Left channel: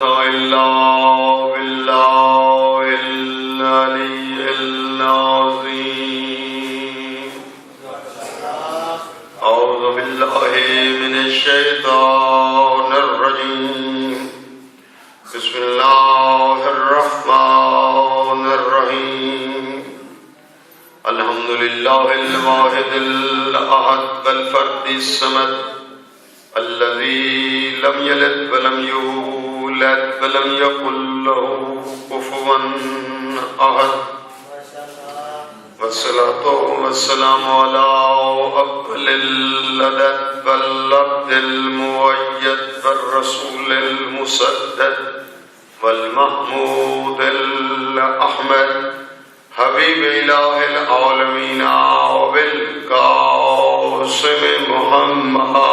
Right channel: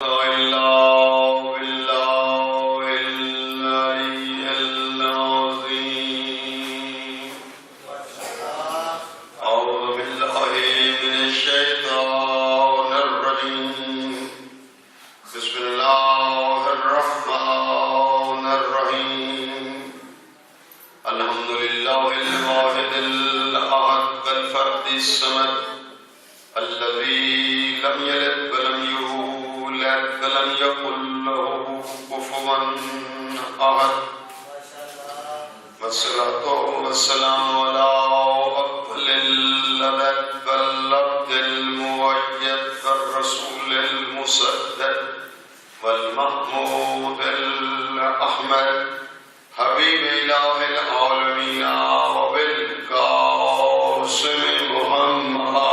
إلا بالله العلي العظيم. أعوذ بالله من الشيطان الرجيم. بسم الله الرحمن الرحيم. الحمد لله الواحد الأحد الفرد الصمد الذي لم يلد ولم يولد ولم يكن له كفوا أحد. والصلاة والسلام على أفضل العدد والعبد المؤيد والرسول المسدد والمحمود الأحمد حبيب إله العالمين وبالقاسم محمد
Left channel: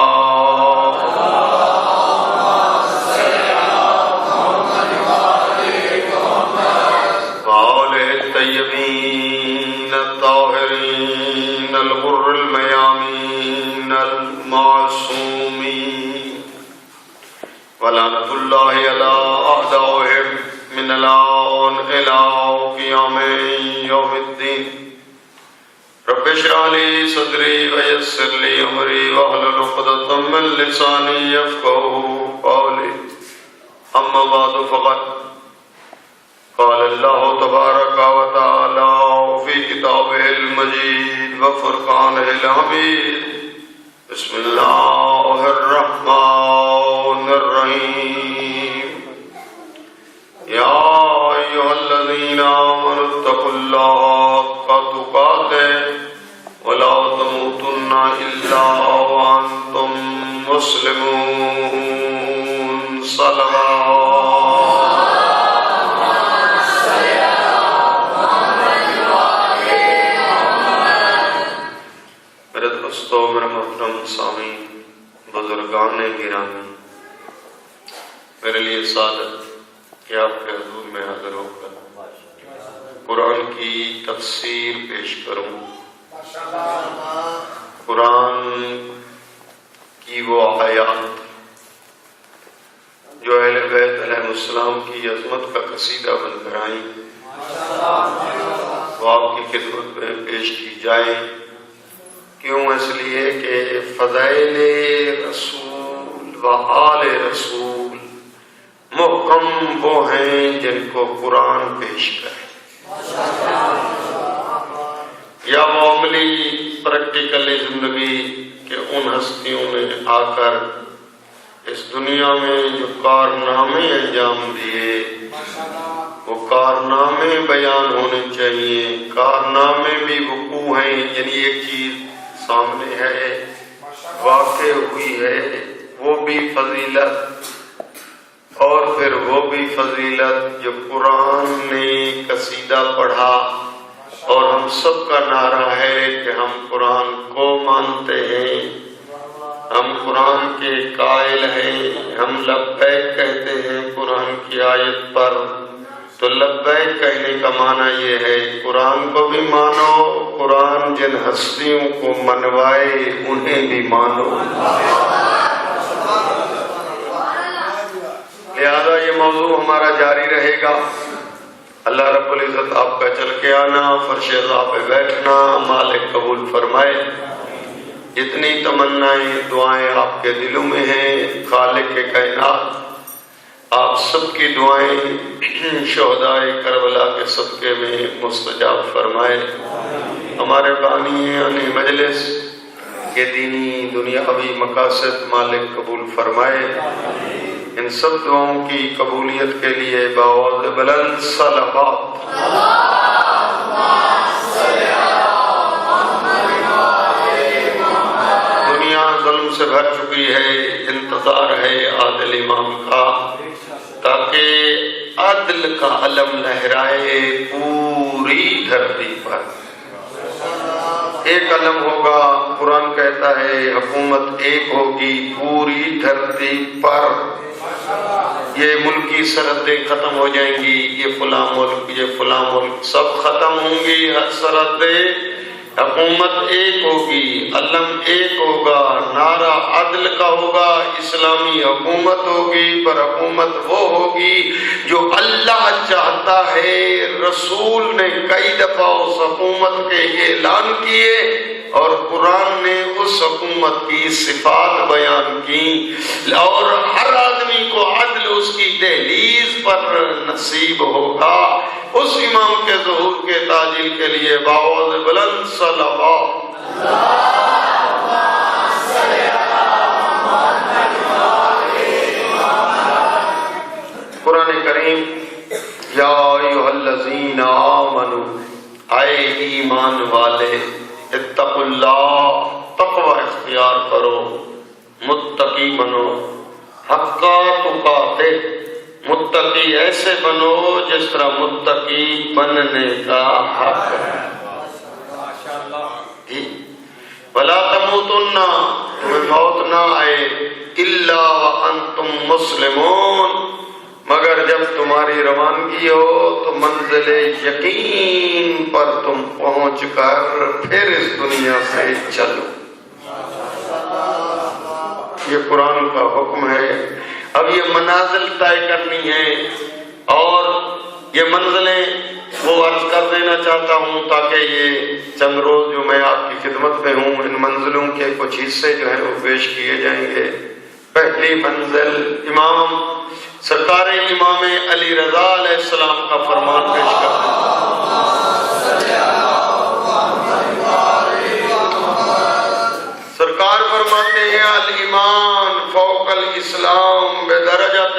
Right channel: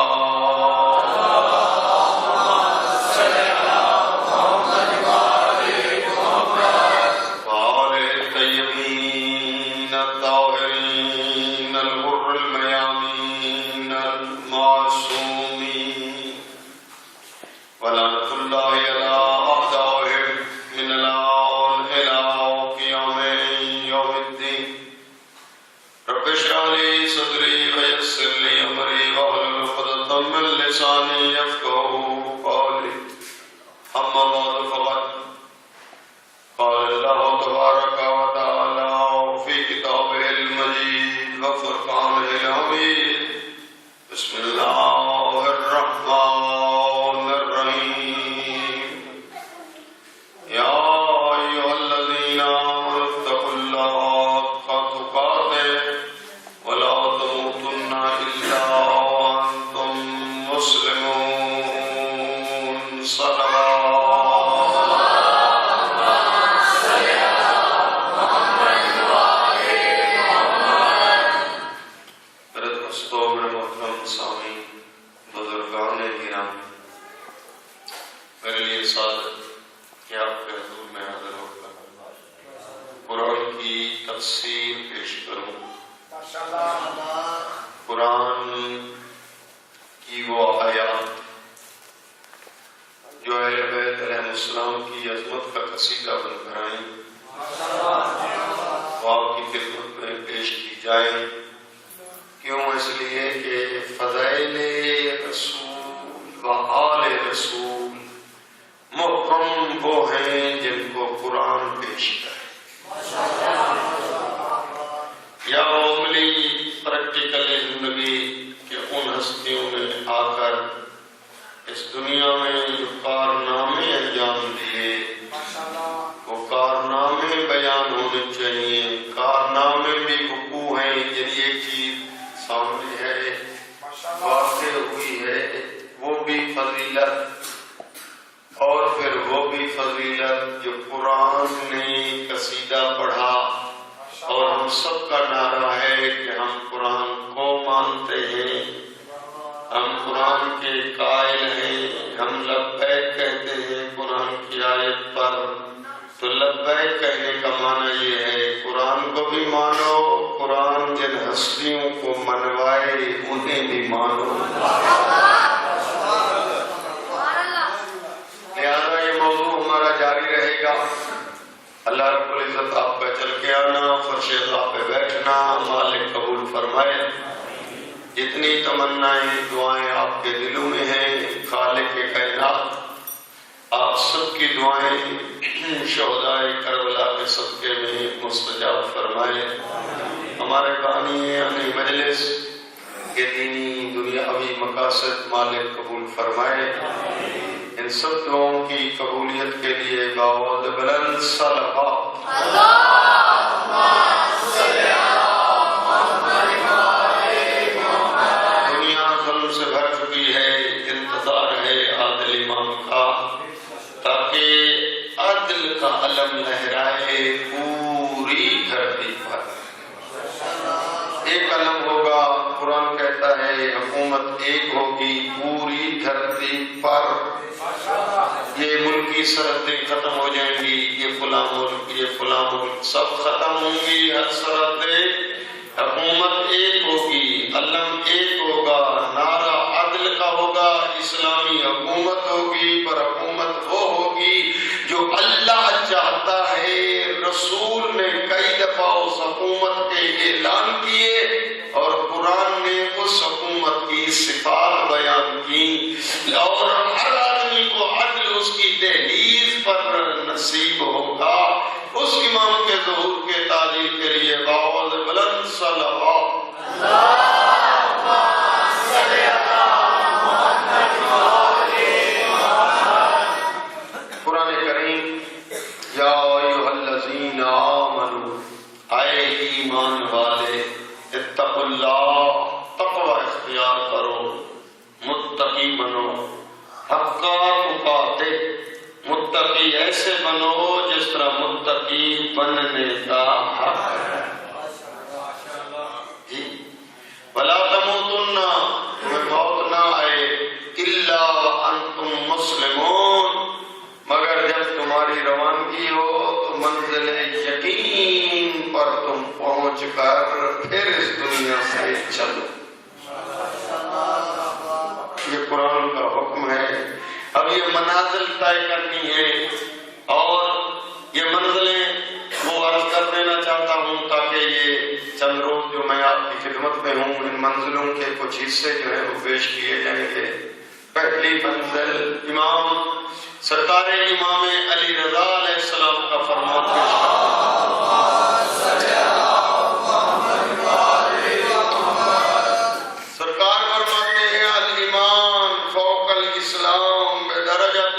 الغر الميامين المعصومين ولعنة الله على أعدائهم من الآن إلى قيام يوم الدين. رب اشرح لي صدري ويسر لي أمري واحلل عقدة من لساني يفقهوا قولي. أما بعد فقد قال الله تبارك وتعالى في كتابه المجيد وفرقانه الحميد. بسم الله الرحمن الرحيم. يا أيها الذين آمنوا اتقوا الله حق تقاته ولا تموتن إلا وأنتم مسلمون. صلوات بزرگان گرامی، میرے لیے سعادت کہ آپ کے حضور میں حاضر ہو کر قرآن کی تفسیر پیش کروں. قرآن کی وہ آیات جو اہل بیت علیہ السلام کی عظمت کا قصیدہ بن کر آئیں وہ آپ کی خدمت میں پیش کی جائیں. کیوں؟ اس لیے کہ فضائل رسول و آل رسول محکم وہ ہیں جن کو قرآن پیش کرے، یا معاملی پریکٹیکل زندگی کے ان ہستیوں نے آ کر اس دنیا میں جو کارنامے انجام دیے وہ کارنامے بیان ہونے چاہیے. کارنامے بھی وقوع ہیں، یعنی ایک چیز سامنے ہے، واقع ہوئی ہے، وہ بھی فضیلت، اور پھر وہ بھی فضیلت جو قرآن نے قصیدہ پڑھا. اور ہم سب کا نعرہ ہے کہ ہم قرآن کو مانتے ہیں، ہم قرآن کے قائل ہیں، ہم لبیک کہتے ہیں قرآن کی آیت پر. تو لبیک کہنے کا معنی یہ ہے قرآن کو بھی مانو، قرآن جن ہستیوں کو منوائے انہیں بھی مانو. لہذا یہ موضوع ہمارا جاری رہے گا. اللہ رب العزت آپ کا چل کے آنا، فرش غا پہ بیٹھنا مالک قبول فرمائے. جتنی تمنائیں دعائیں آپ کے دلوں میں ہیں خالق کائنات آپ سب کی دعائیں شہدائے کربلا کے صدقے میں مستجاب فرمائے. ہمارے بانی اپنی مجلس کے دینی دنیاوی مقاصد مالک قبول فرمائے. ان سب دعاؤں کی قبولیت کے لیے بآواز بلند صلوات. دنیا ظلم سے بھر چکی ہے، انتظار ہے عادل امام کا تاکہ عدل کا علم لہرائے پوری دھرتی پر. ایک علم ہوگا، قرآن کہتا ہے حکومت ایک ہوگی پوری دھرتی پر. یہ ملکی سرحدیں ختم ہو جائیں گی، یہ فلاں ملک یہ فلاں ملک سب ختم ہوں گی. ہر سرحدیں حکومت ایک ہوگی، علم ایک ہوگا، نعرہ عدل کا ہوگا، اسلامی حکومت ہوگی، پر حکومت وہ ہوگی جو اللہ چاہتا ہے۔ رسول نے کئی دفعہ اس حکومت کے اعلان کیے اور قرآن نے اس حکومت کی صفات بیان کی، اور ہر آدمی کو عدل اس کی دہلیز پر نصیب ہوگا۔ اس امام کے ظہور کے تعجیل کے لیے بآواز بلند صلوات قرآن کریم یا ایھا الذین آمنوا، اے ایمان والے، اتقوا اللہ، تقوی اختیار کرو، متقی بنو، حق تقاتے، متقی ایسے بنو جس طرح متقی بننے کا حق ہے۔ وَلَا تَمُوتُنَّ، تمہیں موت نہ آئے، إِلَّا وَأَنْتُمْ مُسْلِمُونَ، مگر جب تمہاری روانگی ہو تو منزل یقین پر تم پہنچ کر پھر اس دنیا سے چلو۔ یہ قرآن کا حکم ہے۔ اب یہ منازل طے کرنی ہے، اور یہ منزلیں وہ عرض کر دینا چاہتا ہوں تاکہ یہ چند روز جو میں آپ کی خدمت میں ہوں، ان منزلوں کے کچھ حصے جو ہیں وہ پیش کیے جائیں گے۔ پہلی منزل امام سرکار امام علی رضا علیہ السلام کا فرمان پیش کرتا ہوں۔ سرکار فرماتے ہیں الایمان فوق الاسلام بدرجۃ،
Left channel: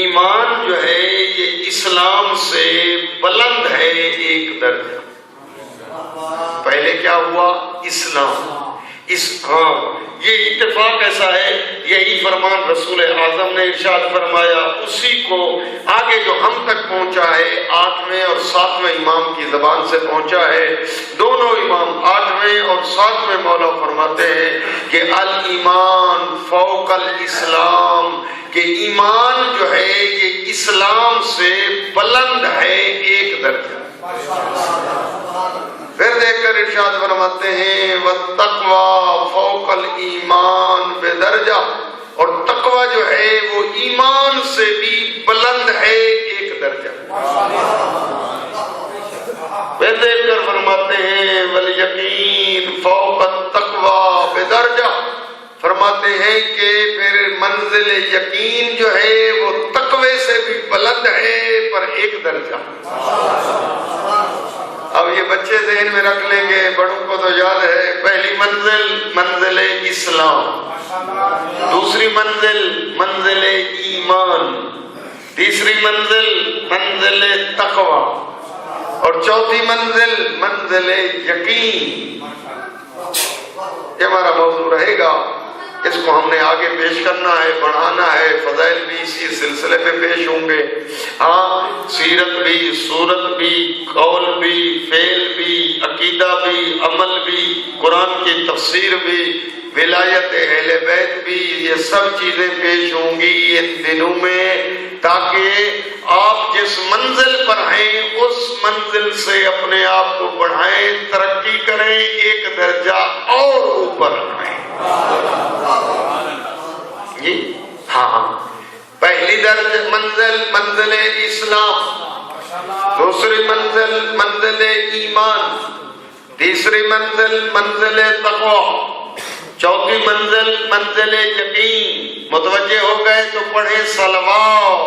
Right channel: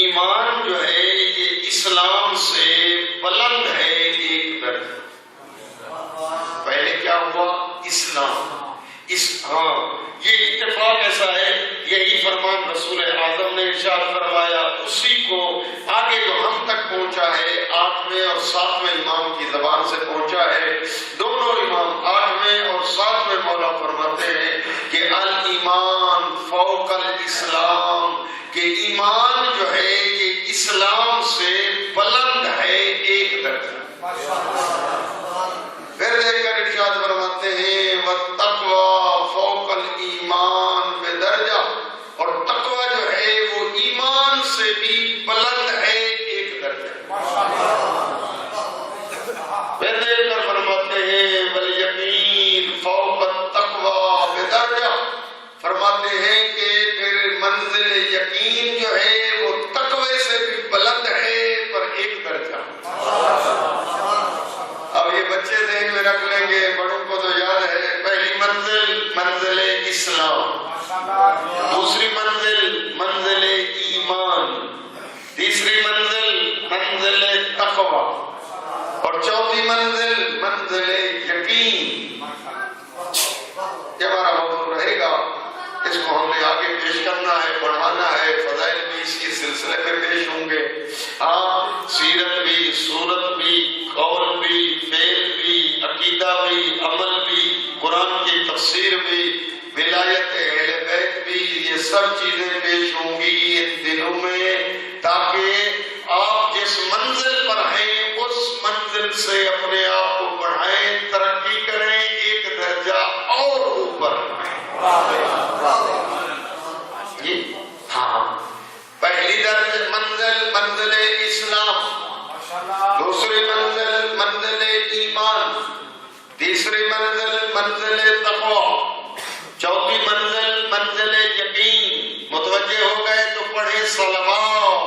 ایمان جو ہے یہ اسلام سے بلند ہے ایک درجہ۔ پہلے کیا ہوا؟ اسلام۔ یہ اتفاق ایسا ہے، یہی فرمان رسول اعظم نے ارشاد فرمایا، اسی کو آگے جو ہم تک پہنچا ہے 8ویں اور 7ویں امام کی زبان سے پہنچا ہے۔ دونوں امام 8ویں اور 7ویں مولا فرماتے ہیں کہ الایمان فوق الاسلام، کہ ایمان جو ہے یہ اسلام سے بلند ہے ایک درجہ۔ پھر دیکھ کر ارشاد فرماتے ہیں والتقوی فوق الایمان بدرجہ، اور تقوی جو ہے وہ ایمان سے بھی بلند ہے ایک درجہ۔ پھر دیکھ کر فرماتے ہیں والیقین فوق التقوی بدرجہ، فرماتے ہیں کہ پھر منزل یقین جو ہے وہ تقوی سے بھی بلند ہے پر ایک درجہ۔ اب یہ بچے ذہن میں رکھ لیں گے، بڑوں کو تو یاد ہے۔ پہلی منزل منزل اسلام، دوسری منزل منزل ایمان، تیسری منزل منزل تقوی، اور چوتھی منزل منزل یقین۔ یہ ہمارا موضوع رہے گا، اس کو ہم نے آگے پیش کرنا ہے، بڑھانا ہے۔ فضائل بھی اسی سلسلے میں پیش ہوں گے۔ سیرت بھی، صورت بھی، قول بھی، فعل بھی، عقیدہ بھی، عمل بھی، قرآن کی تفسیر بھی، ولایت اہل بیت بھی، یہ سب چیزیں پیش ہوں گی ان دنوں میں، تاکہ آپ جس منزل پر ہیں اس منزل سے اپنے آپ کو بڑھائیں، ترقی کریں، ایک درجہ اور اوپر آئیں۔ پہلی منزل منزل اسلام، دوسری منزل منزل ایمان، تیسری منزل منزل تقوی، چوتھی منزل منزل یقین۔ متوجہ ہو گئے تو پڑھیں صلوات۔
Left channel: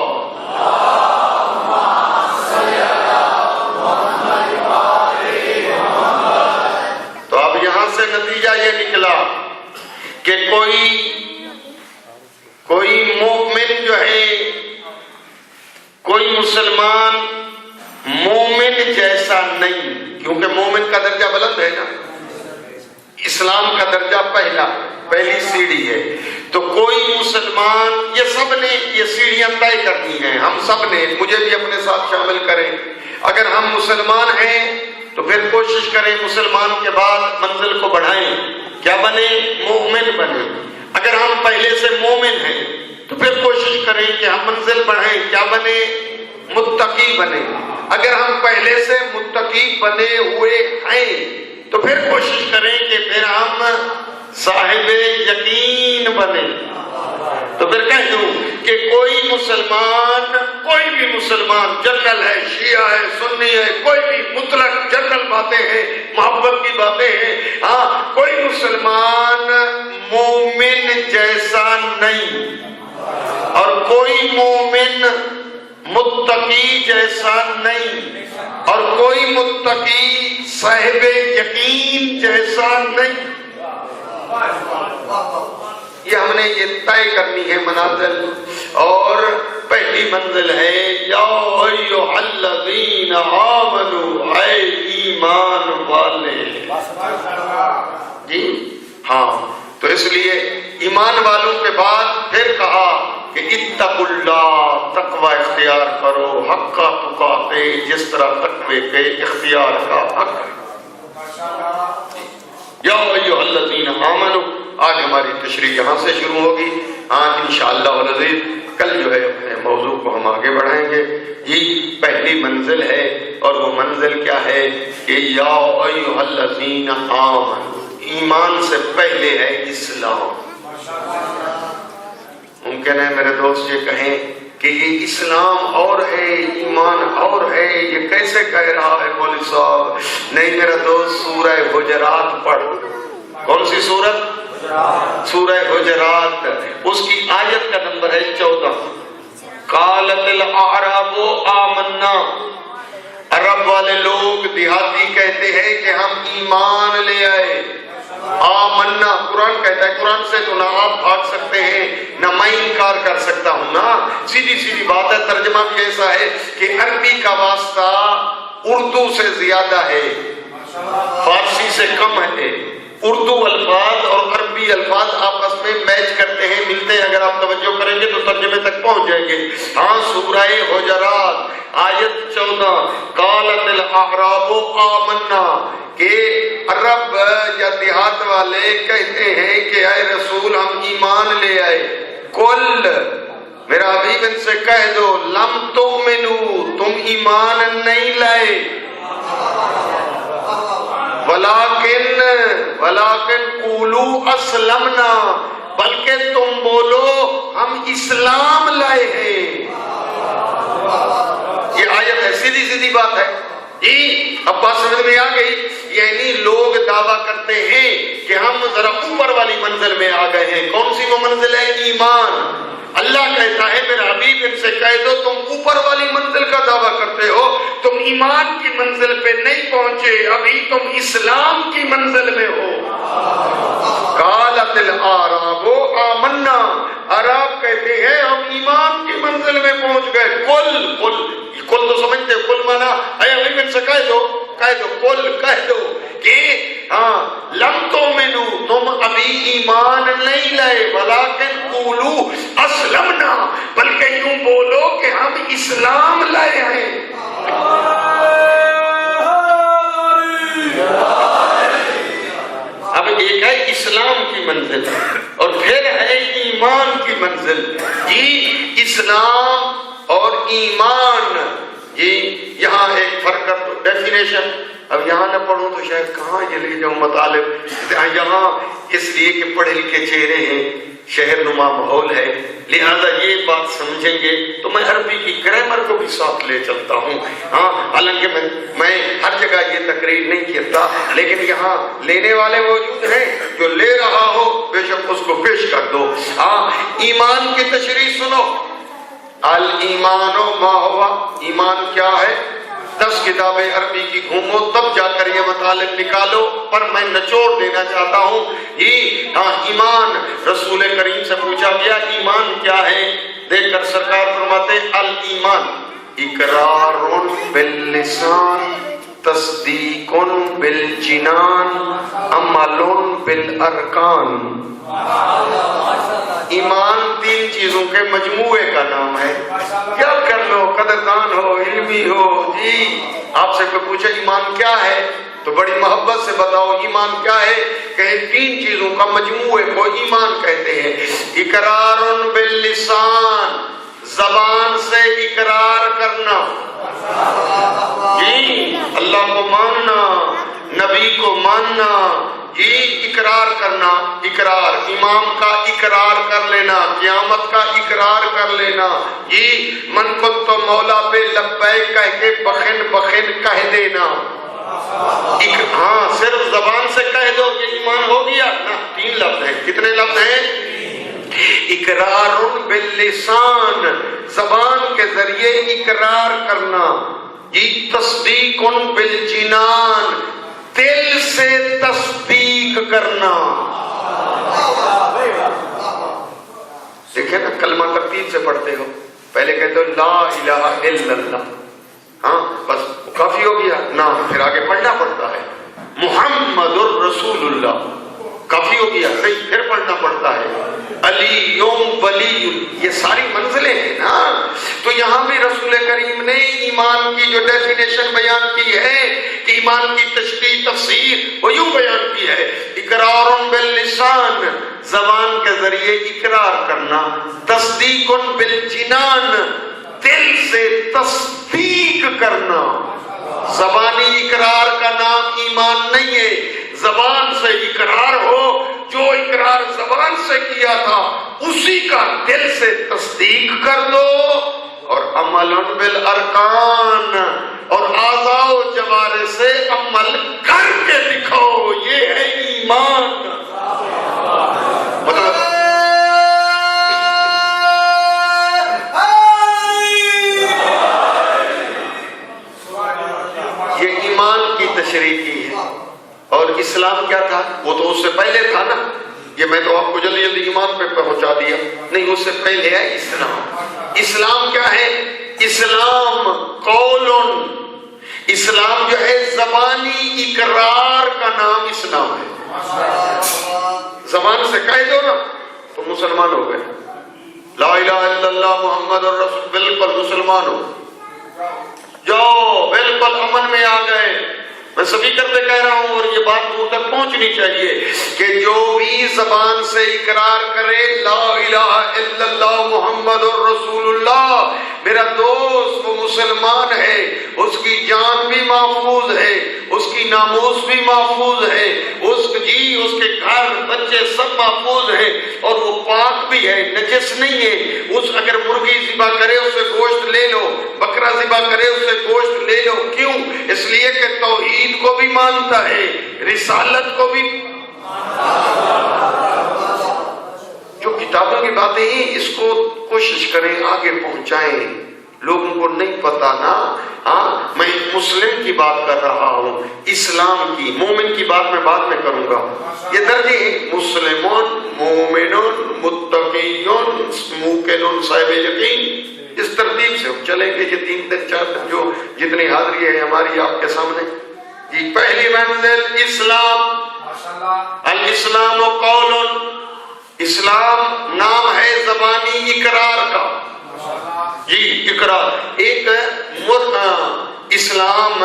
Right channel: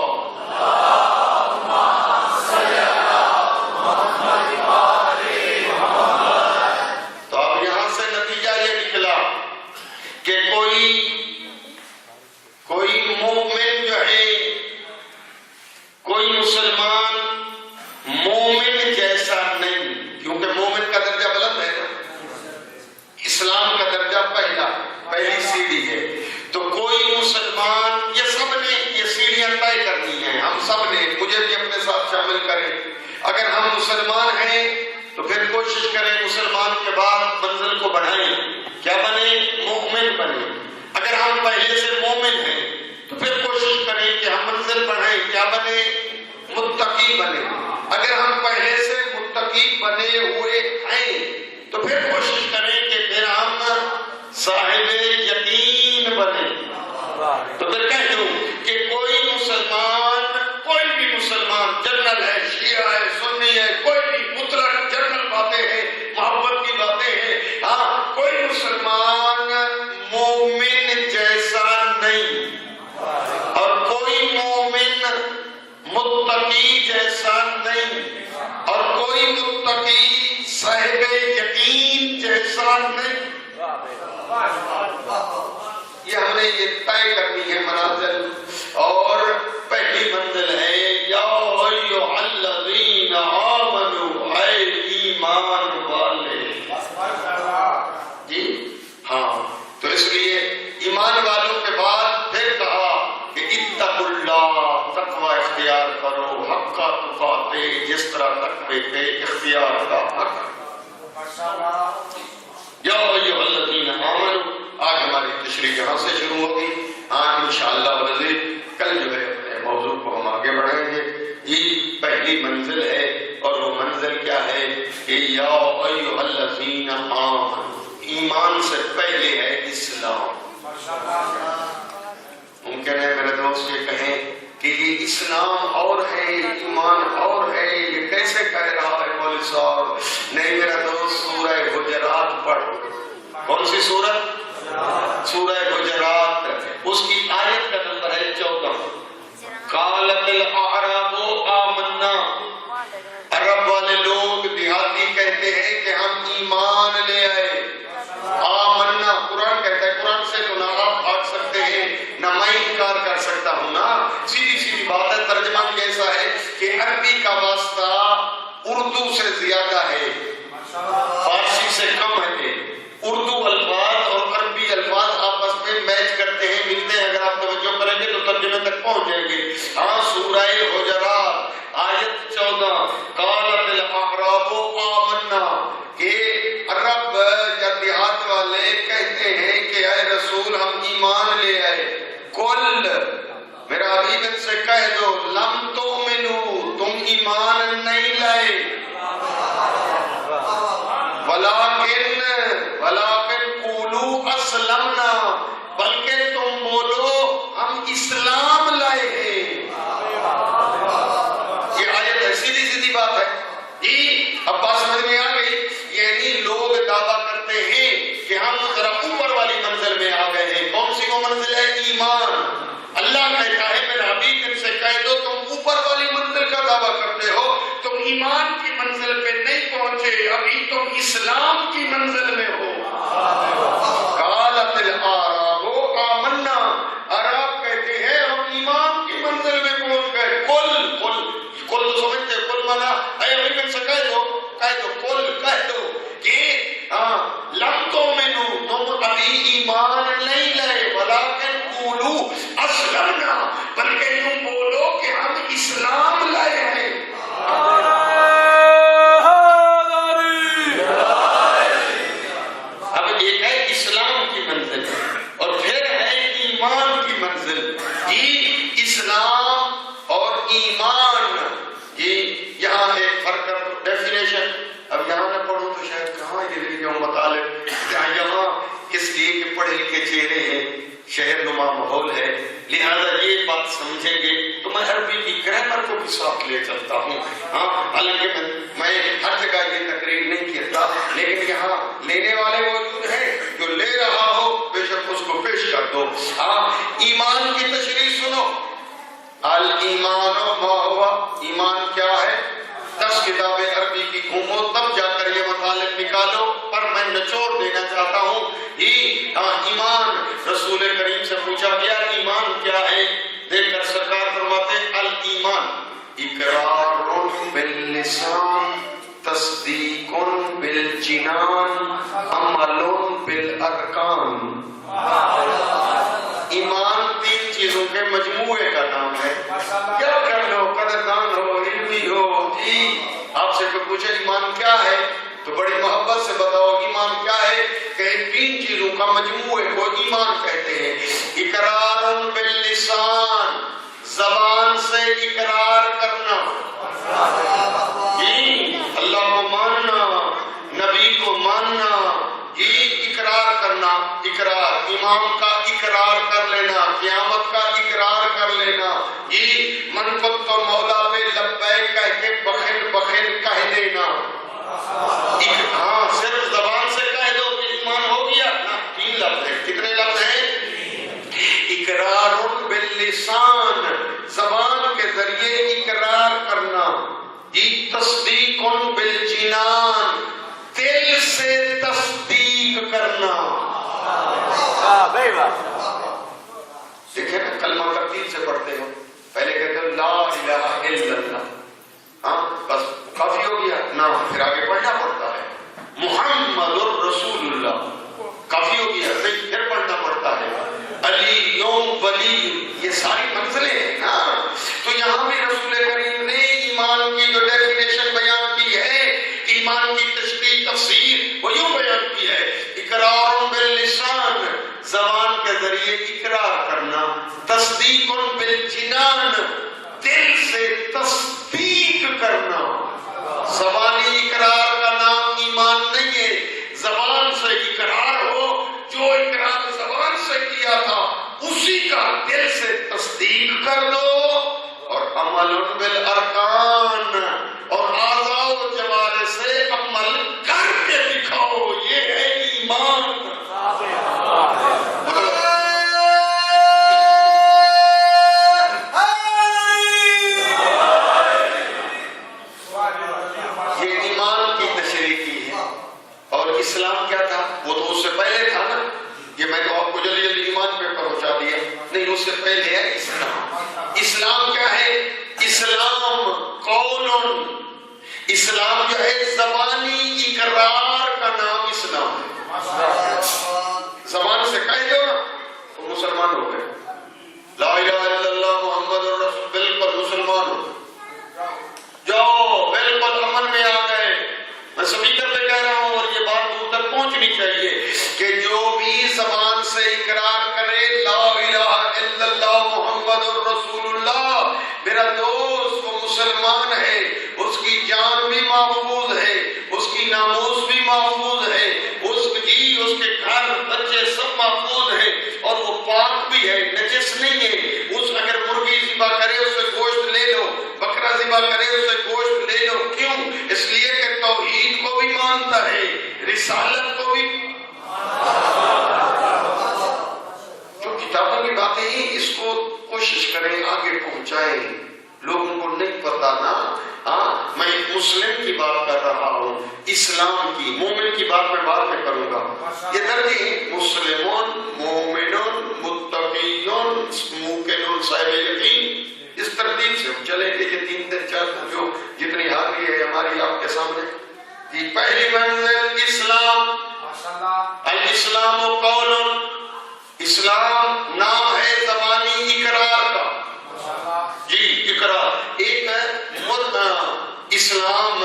تو اب یہاں سے نتیجہ یہ نکلا کہ کوئی مومن جو ہے، کوئی مسلمان مومن جیسا نہیں، کیونکہ مومن کا درجہ بلند ہے نا، اسلام کا درجہ پہلی سیڑھی ہے۔ تو کوئی مسلمان، یہ سب نے یہ سیڑھیاں طے کرنی ہیں، ہم سب نے، مجھے بھی اپنے ساتھ شامل کریں۔ اگر ہم مسلمان ہیں تو پھر کوشش کریں مسلمان کے بعد منزل کو بڑھائیں، کیا بنے؟ مومن بنے۔ اگر ہم پہلے سے مومن ہیں تو پھر کوشش کریں کہ ہم منزل بڑھیں، کیا بنے؟ متقی بنے. اگر ہم پہلے سے متقی بنے ہوئے ہیں تو پھر کوشش کریں کہ پھر ہم صاحب یقین بنے. تو پھر کہہ دوں کہ کوئی بھی مسلمان جنرل ہے، شیعہ ہے، سنی ہے، کوئی بھی مطلق جنرل باتیں ہیں، محبت کی باتیں ہیں. ہاں، کوئی مسلمان مومن جیسا نہیں اور کوئی مومن متقی جیسا نہیں اور کوئی متقی صاحب یقین جیسا نہیں. یہ ہم نے یہ طے کرنی ہے منازل. اور پہلی منزل ہے یا ایھا الذین آمنوا، اے ایمان والے. جی ہاں، تو اس لیے ایمان والوں کے بعد پھر کہا کہ اتقوا اللہ، تقوی اختیار کرو حق تقاتے، جس طرح تقوی پہ اختیار کا حق ہے. یا ایھا الذین آمنوا. آج ہماری تشریح یہاں سے شروع ہوگی. انشاءاللہ العزیز کل جو ہے موضوع کو ہم آگے بڑھائیں گے. یہ پہلی منزل ہے اور وہ منزل کیا ہے کہ یا ایھا الذین آمنوا، ایمان سے پہلے ہے اسلام. ممکن ہے میرے دوست یہ کہیں کہ یہ اسلام اور ہے ایمان اور ہے، یہ کیسے کہہ رہا ہے مولوی صاحب؟ نہیں میرا دوست، سورہ حجرات پڑھ. کون سی سورت؟ سورہ حجرات. اس کی آیت کا نمبر ہے 14. قالت الاعراب آمنا، عرب والے لوگ دیہاتی کہتے ہیں کہ ہم ایمان لے آئے. آمنا قرآن کہتا ہے، قرآن سے تو نہ آپ بھاگ سکتے ہیں نہ میں انکار کر سکتا ہوں. نا سیدھی بات ہے. ترجمہ بھی ایسا ہے کہ عربی کا واسطہ اردو سے زیادہ ہے، فارسی سے کم ہے. اردو الفاظ اور عربی الفاظ آپس میں میچ کرتے ہیں، ملتے ہیں. اگر آپ توجہ کریں گے تو ترجمے تک پہنچ جائیں گے. ہاں، سورہ حجرات آیت 14. قالت الاعراب آمنا، کہ عرب یا دیہات والے کہتے ہیں کہ اے رسول ہم ایمان لے آئے. کل میرا حبیب ان سے کہہ دو لم تؤمنوا، تم ایمان نہیں لائے. ولیکن قولوا اسلمنا، بلکہ تم بولو ہم اسلام لائے ہیں. یہ آیت ہے، سیدھی بات ہے. اب بات سمجھ میں آ گئی. یعنی لوگ دعویٰ کرتے ہیں کہ ہم ذرا اوپر والی منزل میں آ گئے ہیں. کون سی وہ منزل ہے؟ ایمان. اللہ کہتا ہے میرا حبیب ان سے کہہ دو تم اوپر والی منزل کا دعویٰ کرتے ہو، تم ایمان کی منزل پہ نہیں پہنچے، ابھی تم اسلام کی منزل میں ہو. قالت الاعراب آمنا، عرب کہتے ہیں ہم ایمان کی منزل میں پہنچ گئے. کل تو سمجھتے ہیں، کل مانا اے حبیب ان سے کہہ دو کل کہہ دو کہ ہاں لم تؤمنوا، تم ابھی ایمان نہیں لائے. ولیکن قولوا اسلمنا، بلکہ یوں بولو کہ ہم اسلام لائے ہیں. اب ایک ہے اسلام کی منزل اور پھر ہے ایمان کی منزل. یہ اسلام اور ایمان، یہ یہاں ایک فرق کر دو. ڈیفینیشن اب یہاں نہ پڑھوں تو شاید کہاں یہ لے جاؤں مطالب. یہاں اس لیے کہ پڑھے لکھے چہرے ہیں، شہر نما ماحول ہے، لہذا یہ بات سمجھیں گے تو میں عربی کی گرامر کو بھی ساتھ لے چلتا ہوں. ہاں، حالانکہ میں ہر جگہ یہ تقریر نہیں کرتا، لیکن یہاں لینے والے موجود ہیں، جو لے رہا ہو بے شک اس کو پیش کر دو. ہاں، ایمان کی تشریح سنو. الایمان ما ہوا، ایمان کیا ہے؟ 10 کتابیں عربی کی گھومو تب جا کر یہ مطالب نکالو. پر میں نچوڑ دینا چاہتا ہوں ایمان. رسول کریم سے پوچھا گیا ایمان کیا ہے؟ دیکھ کر سرکار فرماتے الایمان اقرار باللسان، تصدیق بالجنان، عمل بالارکان. ایمان 3 چیزوں کے مجموعے کا نام ہے. کیا کر لو، قدردان ہو، علمی ہو. جی آپ سے کوئی پوچھے ایمان کیا ہے تو بڑی محبت سے بتاؤ ایمان کیا ہے. کہ 3 چیزوں کا مجموعے کو ایمان کہتے ہیں. اقرار باللسان، زبان سے اقرار کرنا. ماننا، جی اقرار کرنا، اقرار امام کا اقرار کر لینا، قیامت کا اقرار کر لینا، جی من کو تو مولا پہ لبیک کہہ کے بخن بخن کہہ دینا۔ ہاں صرف زبان سے کہہ دو کہ ایمان ہو گیا نا، 3 لفظ ہیں۔ کتنے لفظ ہیں؟ اقرار باللسان، زبان کے ذریعے اقرار کرنا، جی تصدیق بالجنان، دل سے تصدیق کرنا۔ دیکھیں نا کلمہ ترتیب سے پڑھتے ہو، پہلے کہتے ہو لا الہ الا اللہ، ہاں بس کافی ہو گیا نا، پھر آگے پڑھنا پڑتا ہے محمد الرسول اللہ، کافی ہو گیا نہیں، پھر پڑھنا پڑتا ہے علی ولی، یہ ساری منزلیں ہیں نا۔ تو یہاں بھی رسول کریم نے ایمان کی جو ڈیفینیشن بیان کی ہے، ایمان کی تشریح تفسیر وہ یوں بیان کی ہے، اقرار باللسان، زبان کے ذریعے اقرار کرنا، تصدیق بالجنان، دل سے تصدیق کرنا۔ زبانی اقرار کا نام ایمان نہیں ہے، زبان سے اقرار ہو، جو اقرار زبان سے کیا تھا اسی کا دل سے تصدیق کر دو، اور عمل بالارکان، اور اعضاء و جوارح سے عمل کر کے دکھاؤ، یہ ہے ایمان۔ یہ ایمان کی تشریح کی ہے۔ اور اسلام کیا تھا؟ وہ تو اس سے پہلے تھا نا، یہ میں تو آپ کو جلدی جلدی ایمان پہ پہنچا دیا، نہیں اس سے پہلے ہے اسلام۔ اسلام کیا ہے؟ اسلام قولن، اسلام جو ہے زبانی اقرار کا نام اسلام ہے۔ زبان سے کہہ دو نا تو مسلمان ہو گئے، لا الہ الا اللہ محمد الرسول، بالکل مسلمان ہو جاؤ، بالکل امن میں آ گئے۔ میں سبھی کرتے کہہ رہا ہوں، اور یہ بات دور تک پہنچنی چاہیے کہ جو بھی زبان سے اقرار کرے لا الہ الا اللہ محمد الرسول اللہ، میرا دوست وہ مسلمان ہے، اس کی جان بھی محفوظ ہے، اس کی ناموس بھی محفوظ ہے، اس کے گھر بچے سب محفوظ ہیں، اور وہ پاک بھی ہے، نجس نہیں ہے۔ اس اگر مرغی ذبح کرے اس سے گوشت لے لو، بکرا ذبح کرے اس سے گوشت لے لو، کیوں؟ اس لیے کہ توحید کو بھی مانتا ہے، رسالت کو بھی۔ جو کتابوں کی باتیں ہیں اس کو کوشش کریں آگے پہنچائیں، لوگوں کو نہیں پتا نا۔ ہاں میں مسلم کی بات کر رہا ہوں، اسلام کی، مومن کی بات میں بعد میں کروں گا۔ یہ درجے مسلمون، مومنون، متقیون، موقنون، صاحب یقین، اس ترتیب سے ہم چلیں گے۔ یہ 3 دن 4 دن جو جتنی حاضری ہے ہماری آپ کے سامنے، یہ پہلی منزل اسلام، الاسلام قول، اسلام نام ہے زبانی اقرار کا، جی اقرار۔ ایک اسلام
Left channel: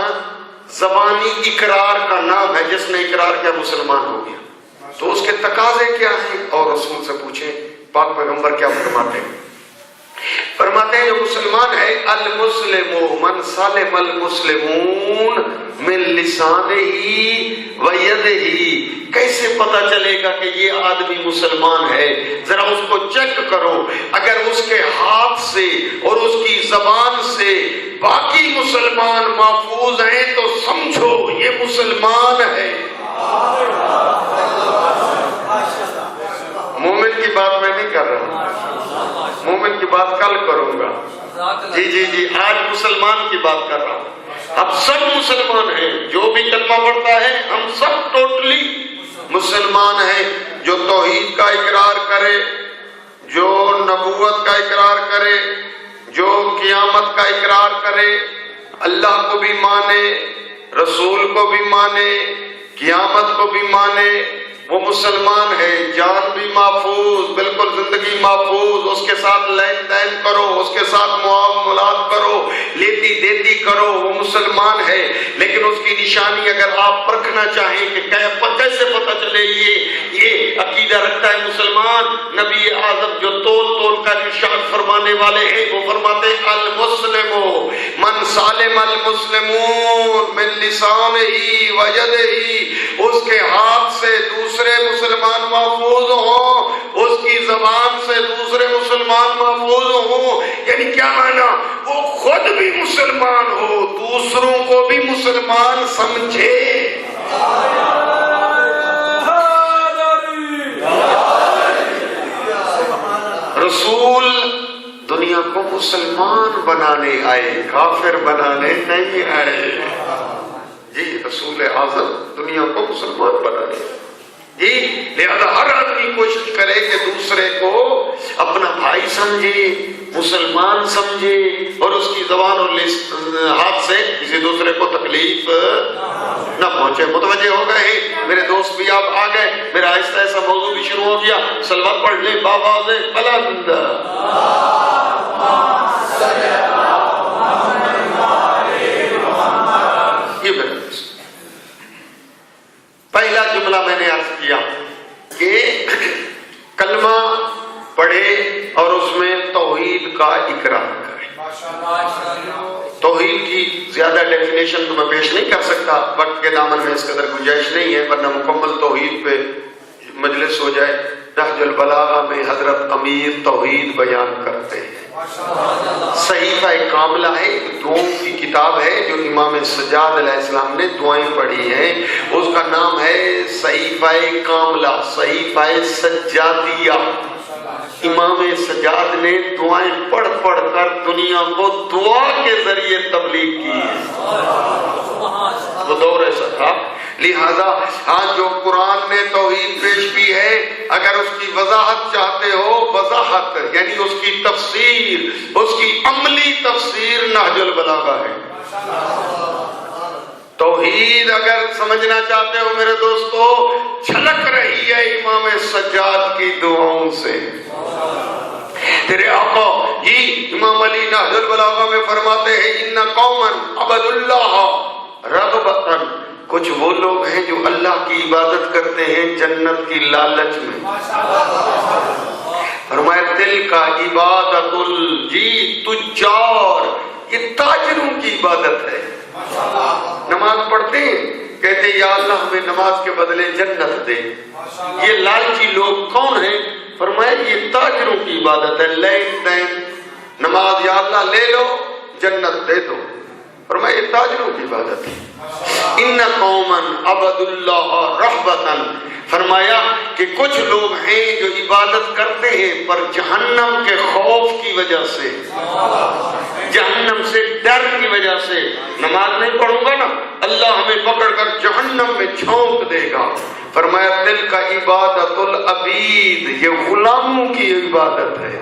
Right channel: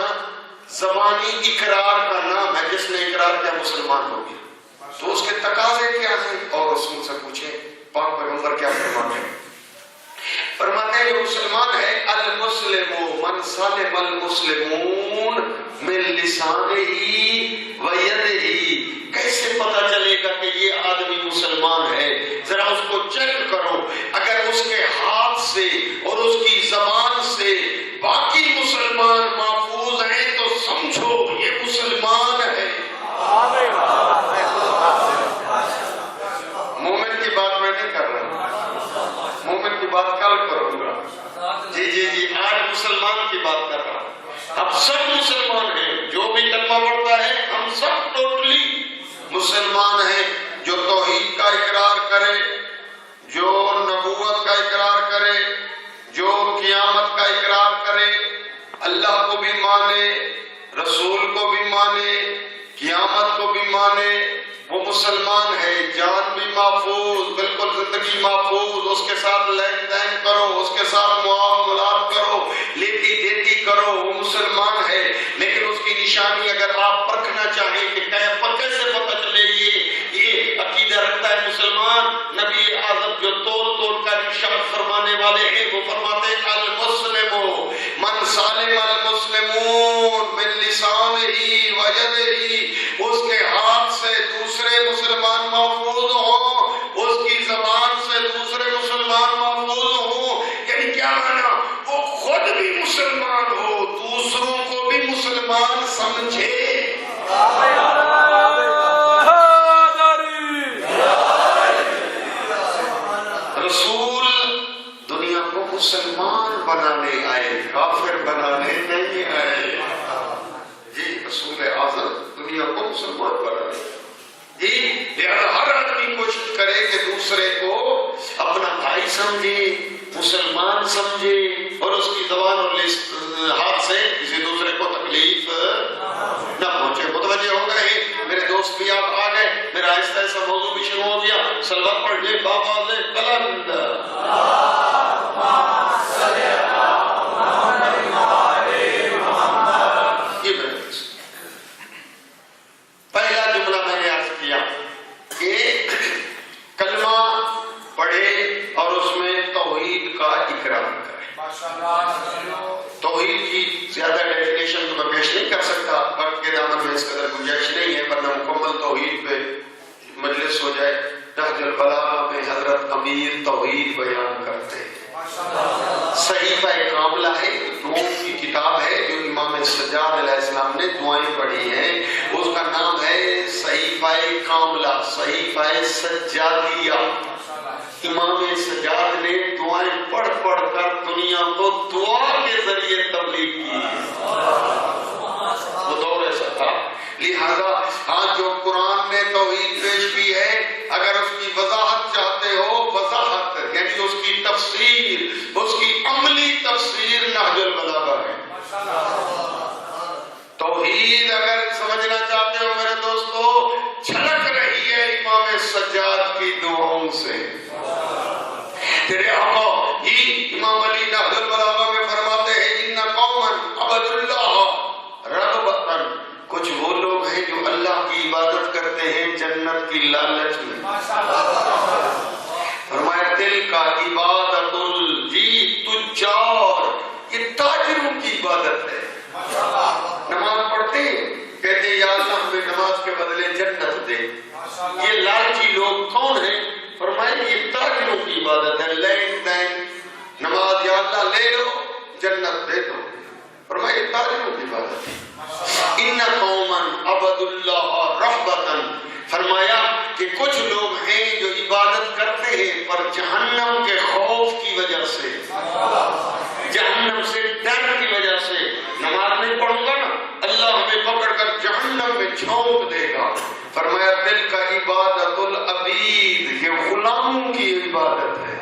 زبانی اقرار کا نام ہے، جس نے اقرار کیا مسلمان ہو گیا۔ تو اس کے تقاضے کیا ہیں؟ اور رسول سے پوچھیں پاک پیغمبر کیا فرماتے ہیں؟ فرماتے ہیں جو مسلمان ہے، المسلم من سلم المسلمون من لسانہ و یدہ۔ کیسے پتا چلے گا کہ یہ آدمی مسلمان ہے؟ ذرا اس کو چیک کرو، اگر اس کے ہاتھ سے اور اس کی زبان سے باقی مسلمان محفوظ ہیں تو سمجھو یہ مسلمان ہے۔ مومن کی بات میں نہیں کر رہا، مومن کی بات کل کروں گا۔ جی آج مسلمان کی بات کر رہا ہوں۔ اب سب مسلمان ہیں، جو بھی کلمہ پڑھتا ہے ہم سب ٹوٹلی مسلمان ہیں۔ جو توحید کا اقرار کرے، جو نبوت کا اقرار کرے، جو قیامت کا اقرار کرے، اللہ کو بھی مانے، رسول کو بھی مانے، قیامت کو بھی مانے، وہ مسلمان ہے۔ جان بھی محفوظ، بالکل زندگی محفوظ، اس کے ساتھ لین دین کرو، اس کے ساتھ معاملات کرو، لیتی دیتی کرو، وہ مسلمان ہے۔ لیکن اس کی نشانی اگر آپ پرکھنا چاہیں کہ کیسے پتہ چلے یہ عقیدہ رکھتا ہے مسلمان، نبی اعظم جو تول تول کا ارشاد فرمانے والے ہیں، وہ فرماتے ہیں المسلم من سالم المسلمون من لسانہ و یدہ، اس کے ہاتھ سے دوسرے مسلمان محفوظ ہوں، اس کی زبان سے دوسرے مسلمان محفوظ ہوں. یعنی کیا مانا؟ وہ خود بھی مسلمان ہو، دوسروں کو بھی مسلمان سمجھے. رسول دنیا کو مسلمان بنانے آئے، کافر بنانے نہیں آئے. جی رسول اعظم دنیا کو مسلمان بنانے. جی لہذا ہر آدمی کوشش کرے کہ دوسرے کو اپنا بھائی سمجھے، مسلمان سمجھے، اور اس کی زبان اور ہاتھ سے کسی دوسرے کو تکلیف نہ پہنچے. متوجہ ہو گئے ہیں میرے دوست بھی، آپ آ گئے. میرا ایسا ایسا موضوع بھی شروع ہو گیا. سلوات پڑھ لیں بآواز بلند. پہلا جملہ میں نے عرض کیا کہ کلمہ پڑھے اور اس میں توحید کا اقرار کرے. توحید کی زیادہ ڈیفینیشن تو میں پیش نہیں کر سکتا، وقت کے دامن میں اس قدر گنجائش نہیں ہے، ورنہ مکمل توحید پہ مجلس ہو جائے. نہج البلاغہ میں حضرت امیر توحید بیان کرتے ہیں. صحیفہ کاملہ ہے، دعاؤں کی کتاب ہے جو امام سجاد علیہ السلام نے دعائیں پڑھی ہیں. اس کا نام ہے صحیفہ کاملہ، صحیفہ سجادیہ. امام سجاد نے دعائیں پڑھ پڑھ کر دنیا کو دعا کے ذریعے تبلیغ کی. وہ دور ایسا تھا. لہذا آج جو قرآن نے توحید پیش کی ہے، اگر اس کی وضاحت چاہتے ہو، وضاحت یعنی اس کی تفسیر، اس کی عملی تفسیر نہج البلاغہ ہے. توحید اگر سمجھنا چاہتے ہو میرے دوستو، چھلک رہی ہے امام سجاد کی دعاؤں سے. تیرے آقا جی امام علی نہج البلاغہ میں فرماتے ہیں ان قوما عبدوا اللہ رغبۃ، کچھ وہ لوگ ہیں جو اللہ کی عبادت کرتے ہیں جنت کی لالچ میں. فرمایا دل کا عبادت جی تجار، یہ تاجروں کی عبادت ہے. نماز پڑھتے ہیں، کہتے یا اللہ ہمیں نماز کے بدلے جنت دے. یہ لالچی لوگ کون ہیں؟ فرمایا یہ تاجروں کی عبادت ہے. لین دین نماز، یا اللہ لے لو جنت دے دو. فرمایا یہ تاجروں کی عبادت ہے. ان قوما عبدوا اللہ رغبۃ، فرمایا کہ کچھ لوگ ہیں جو عبادت کرتے ہیں پر جہنم کے خوف کی وجہ سے، جہنم سے ڈر کی وجہ سے. نماز نہیں پڑھوں گا نا اللہ ہمیں پکڑ کر جہنم میں جھونک دے گا. فرمایا دل کا عبادت العبید، یہ غلاموں کی عبادت ہے.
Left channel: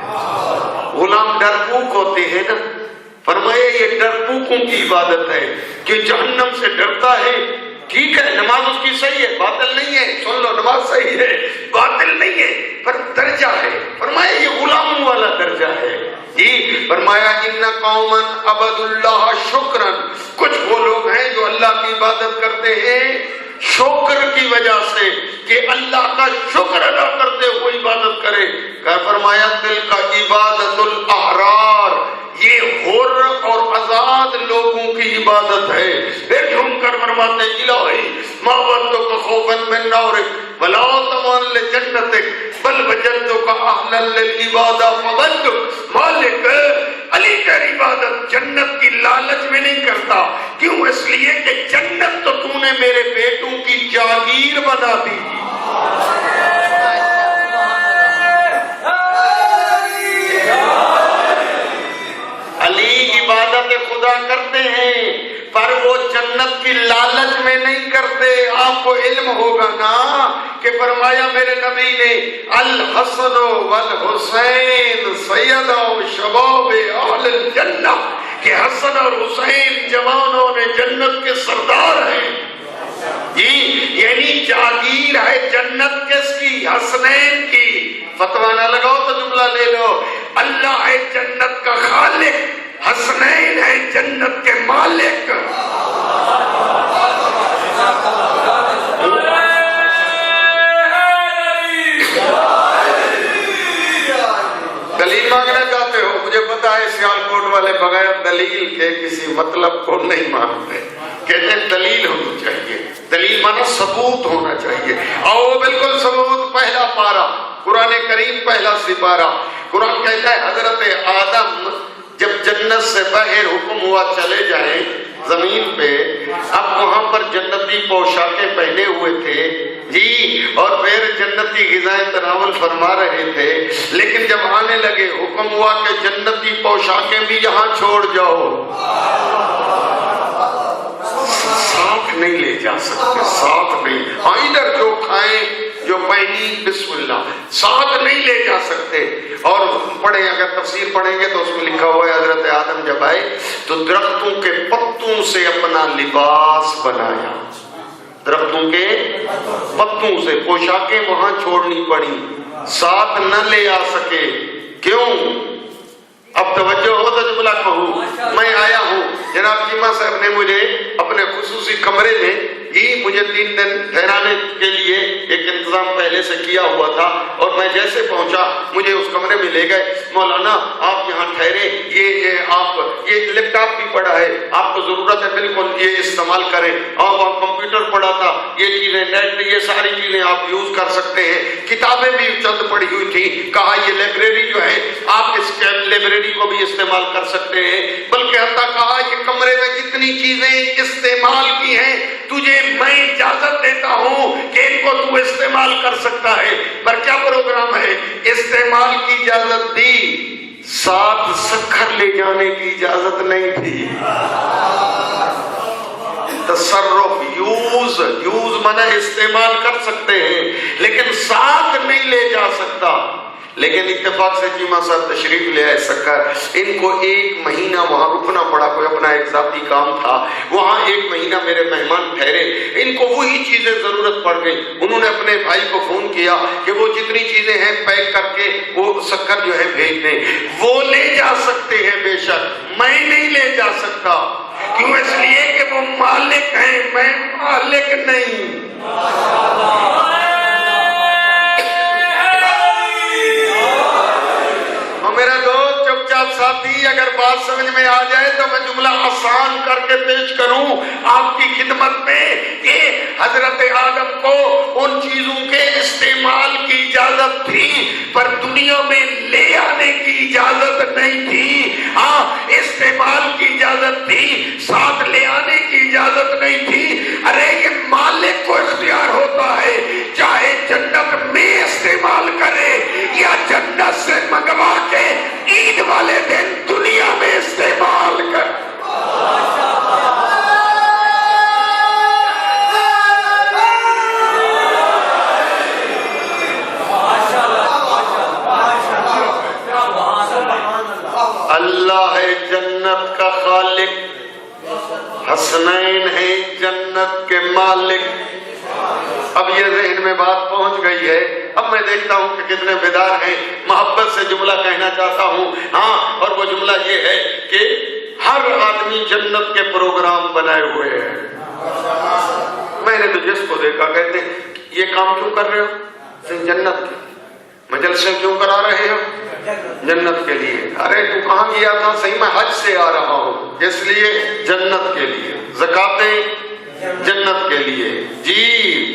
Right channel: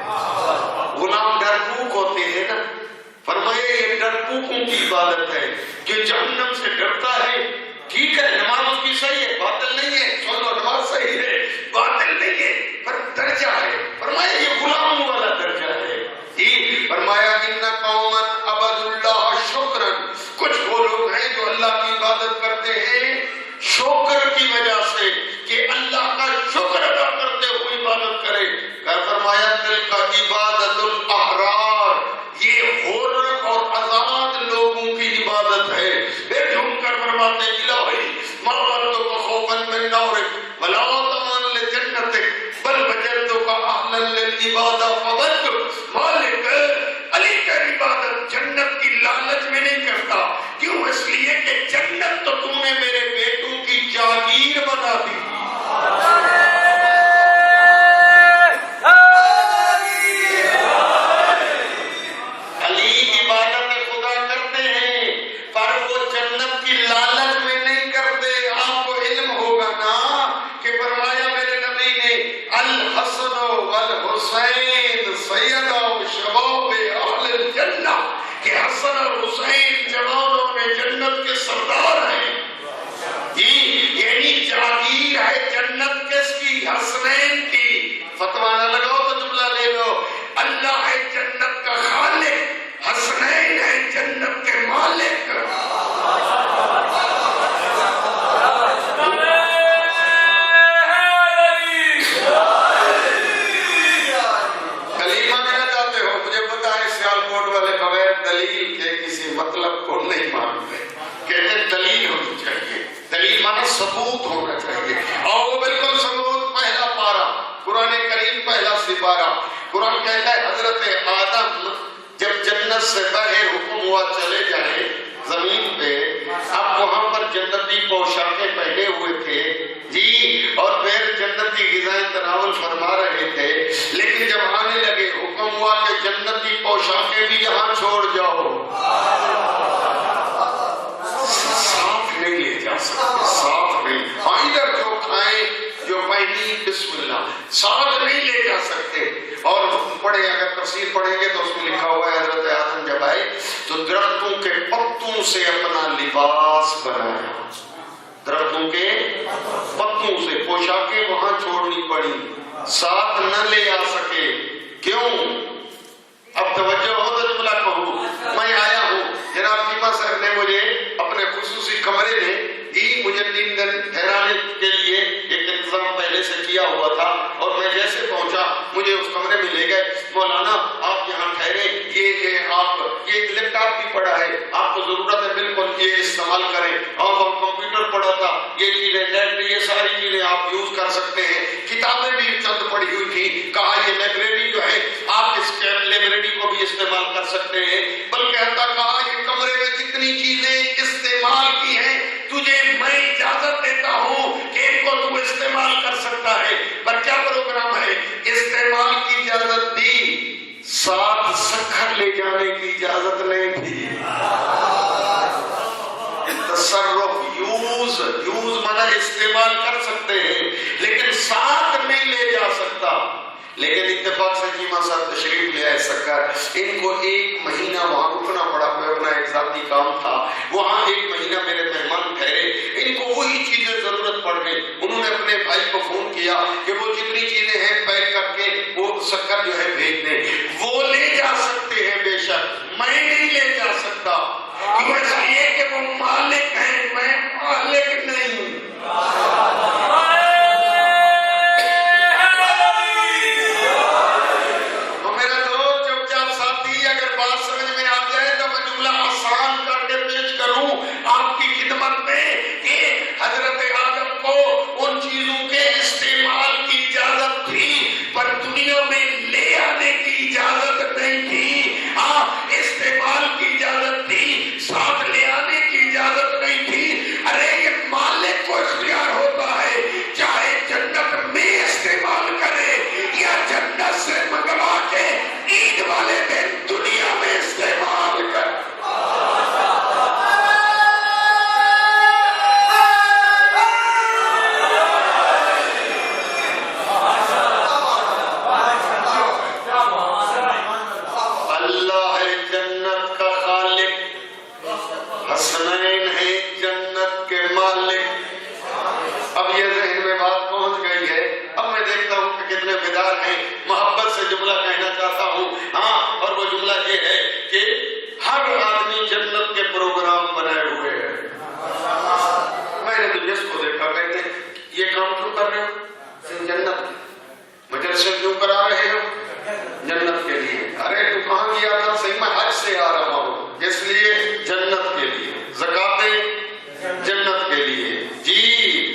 غلام ڈرپوک ہوتے ہیں نا، فرمایا یہ ڈرپوکوں کی عبادت ہے کہ جہنم سے ڈرتا ہے. ٹھیک ہے نماز اس کی صحیح ہے، باطل نہیں ہے. سن لو نماز صحیح ہے، باطل نہیں ہے، پر درجہ ہے. فرمایا یہ غلاموں والا درجہ ہے. جی فرمایا ان قوما عبدوا اللہ شکرا، کچھ وہ لوگ ہیں جو اللہ کی عبادت کرتے ہیں شکر کی وجہ سے، کہ اللہ کا شکر ادا کرتے ہوئے عبادت کرے. فرمایا دل کا عبادت الاحرار، یہ حر اور آزاد لوگوں کی عبادت ہے. پھر جھوم کر فرماتے الہی ما وجدتک خوفا من نارک ولا طمعا لجنتک بل وجدتک اہلا للعبادہ فوجدت. مالک علی کا عبادت جنت کی لالچ میں نہیں کرتا. کیوں؟ اس لیے کہ جنت تو تو نے میرے بیٹوں کی جاگیر بنا دی. پر وہ جنت کی لالچ میں نہیں کرتے. آپ کو علم ہوگا نا کہ فرمایا میرے نبی نے الحسن والحسین سیدہ و شباب اہل الجنہ، کہ حسن اور حسین جوانوں نے جنت کے سردار ہیں. جی یعنی جاگیر ہے جنت کس کی؟ حسنین کی. فتویٰ نہ لگاؤ تو جملہ لے لو. اللہ ہے جنت کا خالق، حسنین ہے جنت کے مالک. کلیم مانگنا چاہتے ہو؟ مجھے پتا ہے سیالکوٹ والے بغیر بغیر دلیل کے کسی مطلب کو نہیں مانتے. کہتے ہیں دلیل ہونی چاہیے. دلیل مانا ثبوت ہونا چاہیے. اور بالکل ثبوت پہلا پارا قرآن کریم پہلا سپارہ. قرآن کہتا ہے حضرت آدم جب جنت سے باہر حکم ہوا چلے جائیں زمین پہ، اب وہاں پر جنتی پوشاکیں پہنے ہوئے تھے جی، اور پھر جنتی غذائیں تناول فرما رہے تھے. لیکن جب آنے لگے حکم ہوا کہ جنتی پوشاکیں بھی یہاں چھوڑ جاؤ. ساتھ نہیں لے جا سکتے، ساتھ نہیں. ادھر جو کھائیں جو پہنی بسم اللہ، ساتھ نہیں لے جا سکتے. اور پڑھیں، اگر تفسیر پڑھیں گے تو اس میں لکھا ہوا ہے حضرت آدم جب آئے تو درختوں کے پتوں سے اپنا لباس بنایا. درختوں کے پتوں سے پوشاکیں وہاں چھوڑنی پڑی، ساتھ نہ لے آ سکے. کیوں؟ اب توجہ ہو تو جملہ کہوں. میں آیا ہوں، جناب چیمہ صاحب نے مجھے اپنے خصوصی کمرے میں مجھے 3 دن ٹھہرانے کے لیے ایک انتظام پہلے سے کیا ہوا تھا، اور میں جیسے پہنچا مجھے اس کمرے میں لے گئے. مولانا آپ یہاں ٹھہرے، یہ لیپ ٹاپ بھی پڑا ہے، آپ کو ضرورت ہے بالکل یہ استعمال کریں. اور وہاں کمپیوٹر پڑا تھا، یہ چیزیں نیٹ، یہ ساری چیزیں آپ یوز کر سکتے ہیں. کتابیں بھی چند پڑی ہوئی تھی. کہا یہ لائبریری جو ہے آپ اس لائبریری کو بھی استعمال کر سکتے ہیں. بلکہ حتیٰ کہا یہ کمرے میں جتنی چیزیں استعمال کی ہیں تجھے میں اجازت دیتا ہوں کہ ان کو تو استعمال کر سکتا ہے. پر کیا پروگرام ہے؟ استعمال کی اجازت دی، ساتھ سکھر لے جانے کی اجازت نہیں تھی. تصرف، یوز مانا استعمال کر سکتے ہیں لیکن ساتھ نہیں لے جا سکتا. لیکن اتفاق سے چیمہ صاحب تشریف لے آئے سکر. ان کو 1 مہینہ وہاں رکنا پڑا، کوئی اپنا ایک ذاتی کام تھا. وہاں 1 مہینہ میرے مہمان ٹھہرے. ان کو وہی چیزیں ضرورت پڑ گئی. انہوں نے اپنے بھائی کو فون کیا کہ وہ جتنی چیزیں ہیں پیک کر کے وہ سکر جو ہے بھیج دیں. وہ لے جا سکتے ہیں بے شک، میں نہیں لے جا سکتا. کیوں؟ اس لیے کہ وہ مالک ہیں، میں مالک نہیں. اگر بات سمجھ میں آ جائے تو میں جملہ آسان کر کے پیش کروں آپ کی خدمت میں کہ حضرت آدم کو ان چیزوں کے استعمال کی اجازت تھی پر دنیا میں لے آنے کی اجازت نہیں تھی. ہاں، استعمال کی اجازت تھی، ساتھ لے آنے کی اجازت نہیں تھی. ارے یہ مالک کو اختیار ہوتا ہے، چاہے جنت میں استعمال کرے یا جنت سے منگوا کے عید والے دن دنیا میں استعمال کر. اللہ ہے جنت کا خالق، حسنین ہے جنت کے مالک. اب یہ ذہن میں بات پہنچ گئی ہے. اب میں دیکھتا ہوں کہ کتنے بیدار ہیں. محبت سے جملہ کہنا چاہتا ہوں. ہاں، اور وہ جملہ یہ ہے کہ ہر آدمی جنت کے پروگرام بنائے ہوئے ہیں. میں نے تو جس کو دیکھا کہتے ہیں یہ کام کیوں کر رہے ہو؟ جنت کے. مجلسے کیوں کرا رہے ہو؟ جنت کے لیے. ارے تو کہاں گیا تھا؟ صحیح میں حج سے آ رہا ہوں، اس لیے جنت کے لیے. زکاتیں جنت کے لیے، جی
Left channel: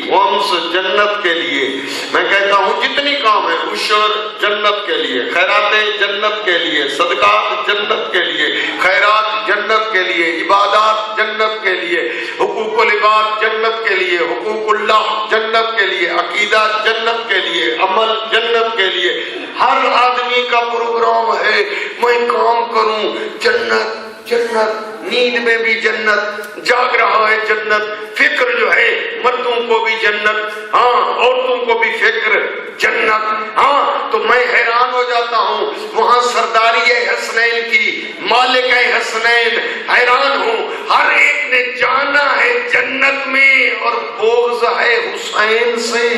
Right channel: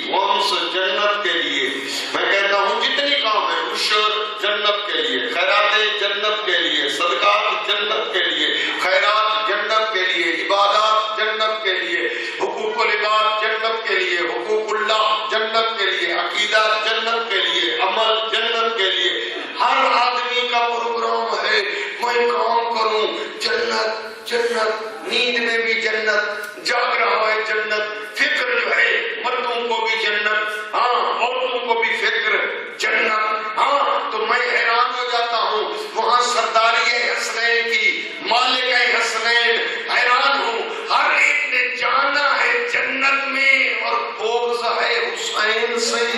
خمس جنت کے لیے. میں کہتا ہوں جتنی کام ہے، عشر جنت کے لیے، خیراتیں جنت کے لیے، صدقات جنت کے لیے، خیرات جنت کے لیے، عبادات جنت کے لیے، حقوق العباد جنت کے لیے، حقوق اللہ جنت کے لیے، عقیدہ جنت کے لیے، عمل جنت کے لیے. ہر آدمی کا پروگرام ہے میں کام کروں جنت جنت. نیند میں بھی جنت، جاگ رہا ہے جنت. فکر جو ہے مردوں کو بھی جنت، ہاں عورتوں کو بھی فکر جنت. ہاں، تو میں حیران ہو جاتا ہوں وہاں سرداری حسنین کی، مالک حسنین. حیران ہوں، ہر ایک نے جانا ہے جنت میں اور بغض ہے حسین سے.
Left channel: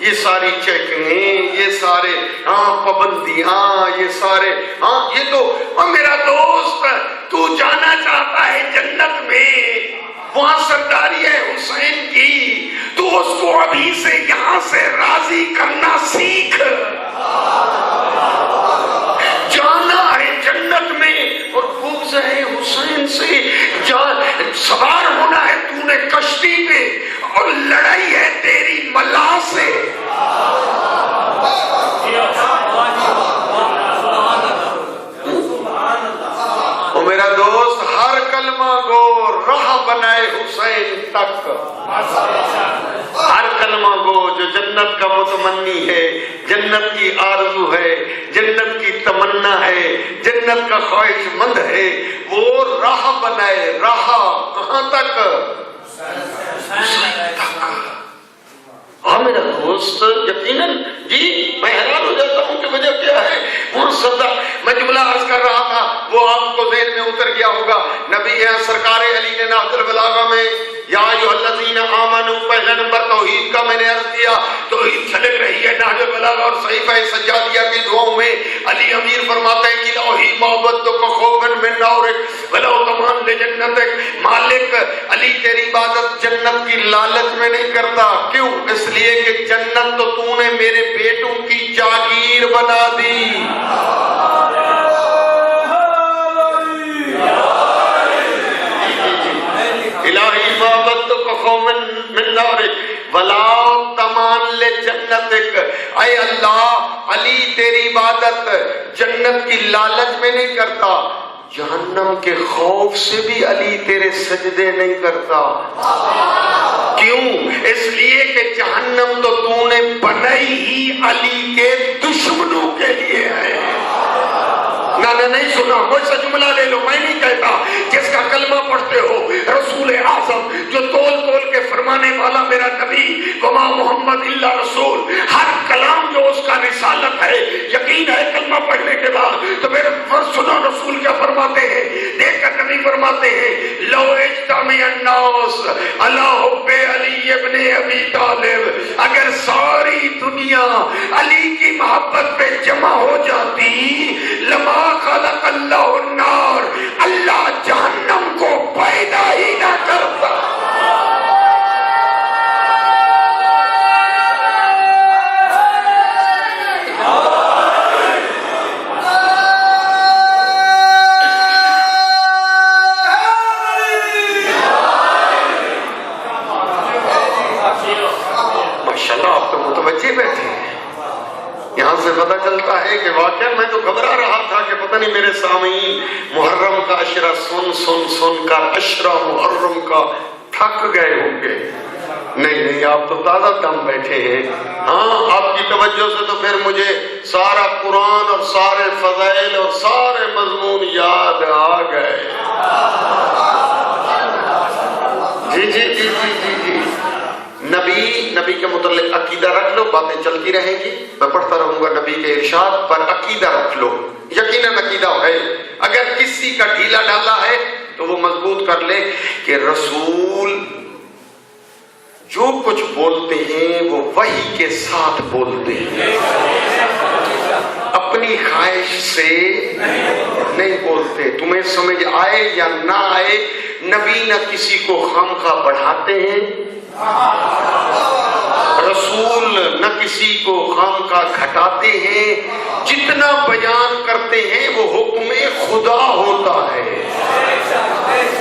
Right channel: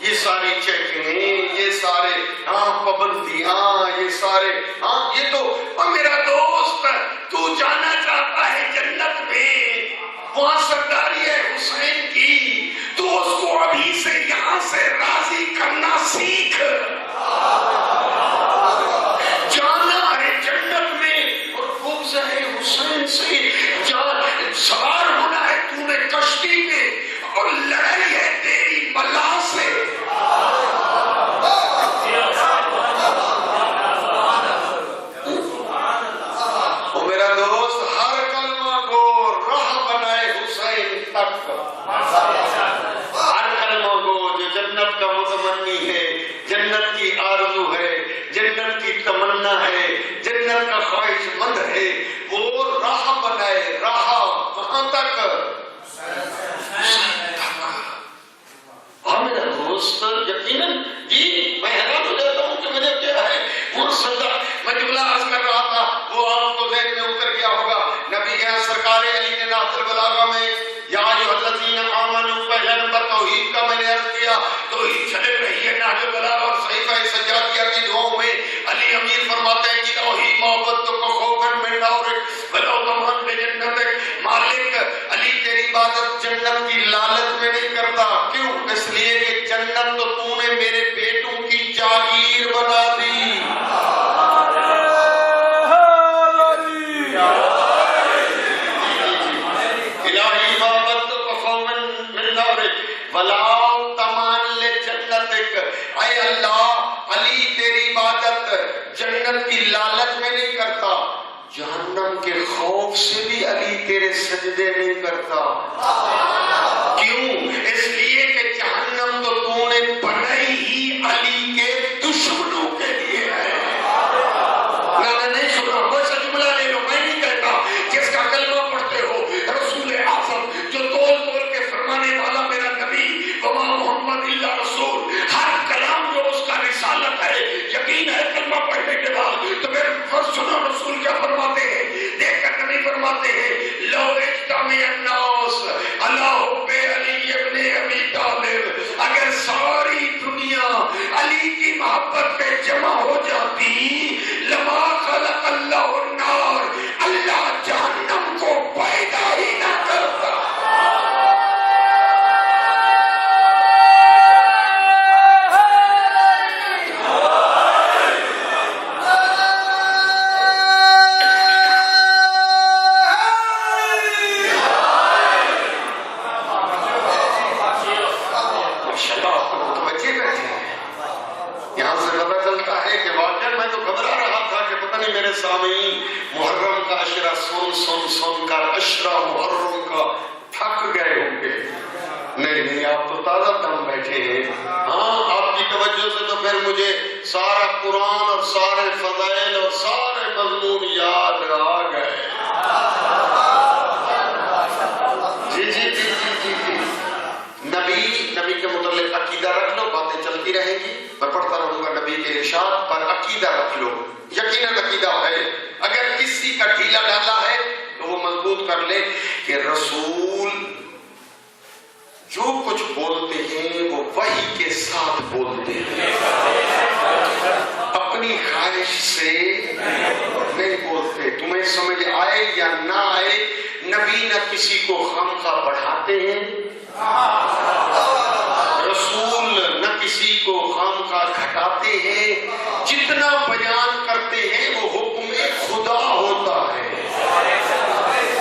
یہ ساری چیکنگ، یہ سارے پابندیاں، یہ سارے یہ تو. اور میرا دوست تو جانا چاہتا ہے جنت میں، وہاں سرداری ہے حسین کی، تو اس کو ابھی سے یہاں سے راضی کرنا سیکھ. جانا ہے جنت میں اور بغض ہے حسین سے. سوار ہونا ہے تو نے کشتی میں اور لڑائی ہے تیری ملا سے. او میرا دوست، ہر کلمہ گو راہ بنائے حسین تک. ہر کلمہ گو جو جنت کا متمنی ہے، جنت کی آرزو ہے، جنت کی تمنا ہے، جنت کا خواہش مند ہے، وہ راہ بنائے. راہ کہاں تک؟ ہاں میرا دوست، یقیناً جی میں حیران ہو جاتا ہوں کہ وجہ کیا ہے. میں جملہ عرض کر رہا تھا، وہ آپ کو ذہن میں اتر گیا ہوگا. نبی سرکار علی نے نہج البلاغہ میں یا ایھا الذین آمنوا پہلا نمبر توحید کا میں نے عرض کیا. توحید چھلک رہی ہے نہج البلاغہ اور صحیفہ سجادیہ کی دعاؤں میں. علی امیر فرماتے ہیں کہ الہی محبت کو خوفن من نورک ولو تمام لجنتک. مالک علی تیری عبادت جنت کی لالچ میں نہیں کرتا. کیوں؟ اس لیے کہ جنت تو نے میرے بیٹوں کی جاگیر بنا دی. الہی محبت کو خوفن من نورک ولو تمام لجنتک. اے اللہ، علی تیری عبادت جنت کی لالچ میں نہیں کرتا، جہنم کے خوف سے بھی علی تیرے سجدے نہیں کرتا. کیوں؟ اس لیے کہ جہنم تو نے بنائی ہی علی کے دشمنوں کے لیے ہے. میں نہیں سنا، مجھ سے جملہ لے لو، میں نہیں کہتا. جس کا کلمہ پڑھتے ہو رسول اعظم جو تول تول کے فرمانے والا میرا نبی وما محمد الا رسول، ہر کلام جو اس کا رسالت ہے، یقین ہے کلمہ پڑھنے کے بعد تو میرے سنو رسول کیا فرماتے ہیں. دیکھ کر نبی فرماتے ہیں لو اجتمع الناس علی حب علی ابن ابی طالب، اگر ساری دنیا علی کی محبت پہ جمع ہو جاتی لما خلق اللہ النار، اللہ جہنم کو پیدا ہی نہ کرتا. یہاں سے پتہ چلتا ہے کہ واقعہ میں تو گھبرا رہا تھا کہ پتہ نہیں میرے سامعین محرم کا عشرہ سن کر عشرہ محرم کا تھک گئے ہوں گے. نہیں، آپ تو تازہ دم بیٹھے ہیں. ہاں، آپ کی توجہ سے تو پھر مجھے سارا قرآن اور سارے فضائل اور سارے مضمون یاد آ گئے. جی نبی کے متعلق عقیدہ رکھ لو، باتیں چلتی رہیں گی، میں پڑھتا رہوں گا نبی کے ارشاد پر. عقیدہ رکھ لو، یقیناً عقیدہ ہے. اگر کسی کا ڈھیلا ڈالا ہے تو وہ مضبوط کر لے کہ رسول جو کچھ بولتے ہیں وہ وحی کے ساتھ بولتے ہیں، اپنی خواہش سے نہیں بولتے. تمہیں سمجھ آئے یا نہ آئے، نبی نہ کسی کو خامخواہ بڑھاتے ہیں، رسول نہ کسی کو خامخواہ گھٹاتے ہیں. جتنا بیان کرتے ہیں وہ حکم خدا ہوتا ہے.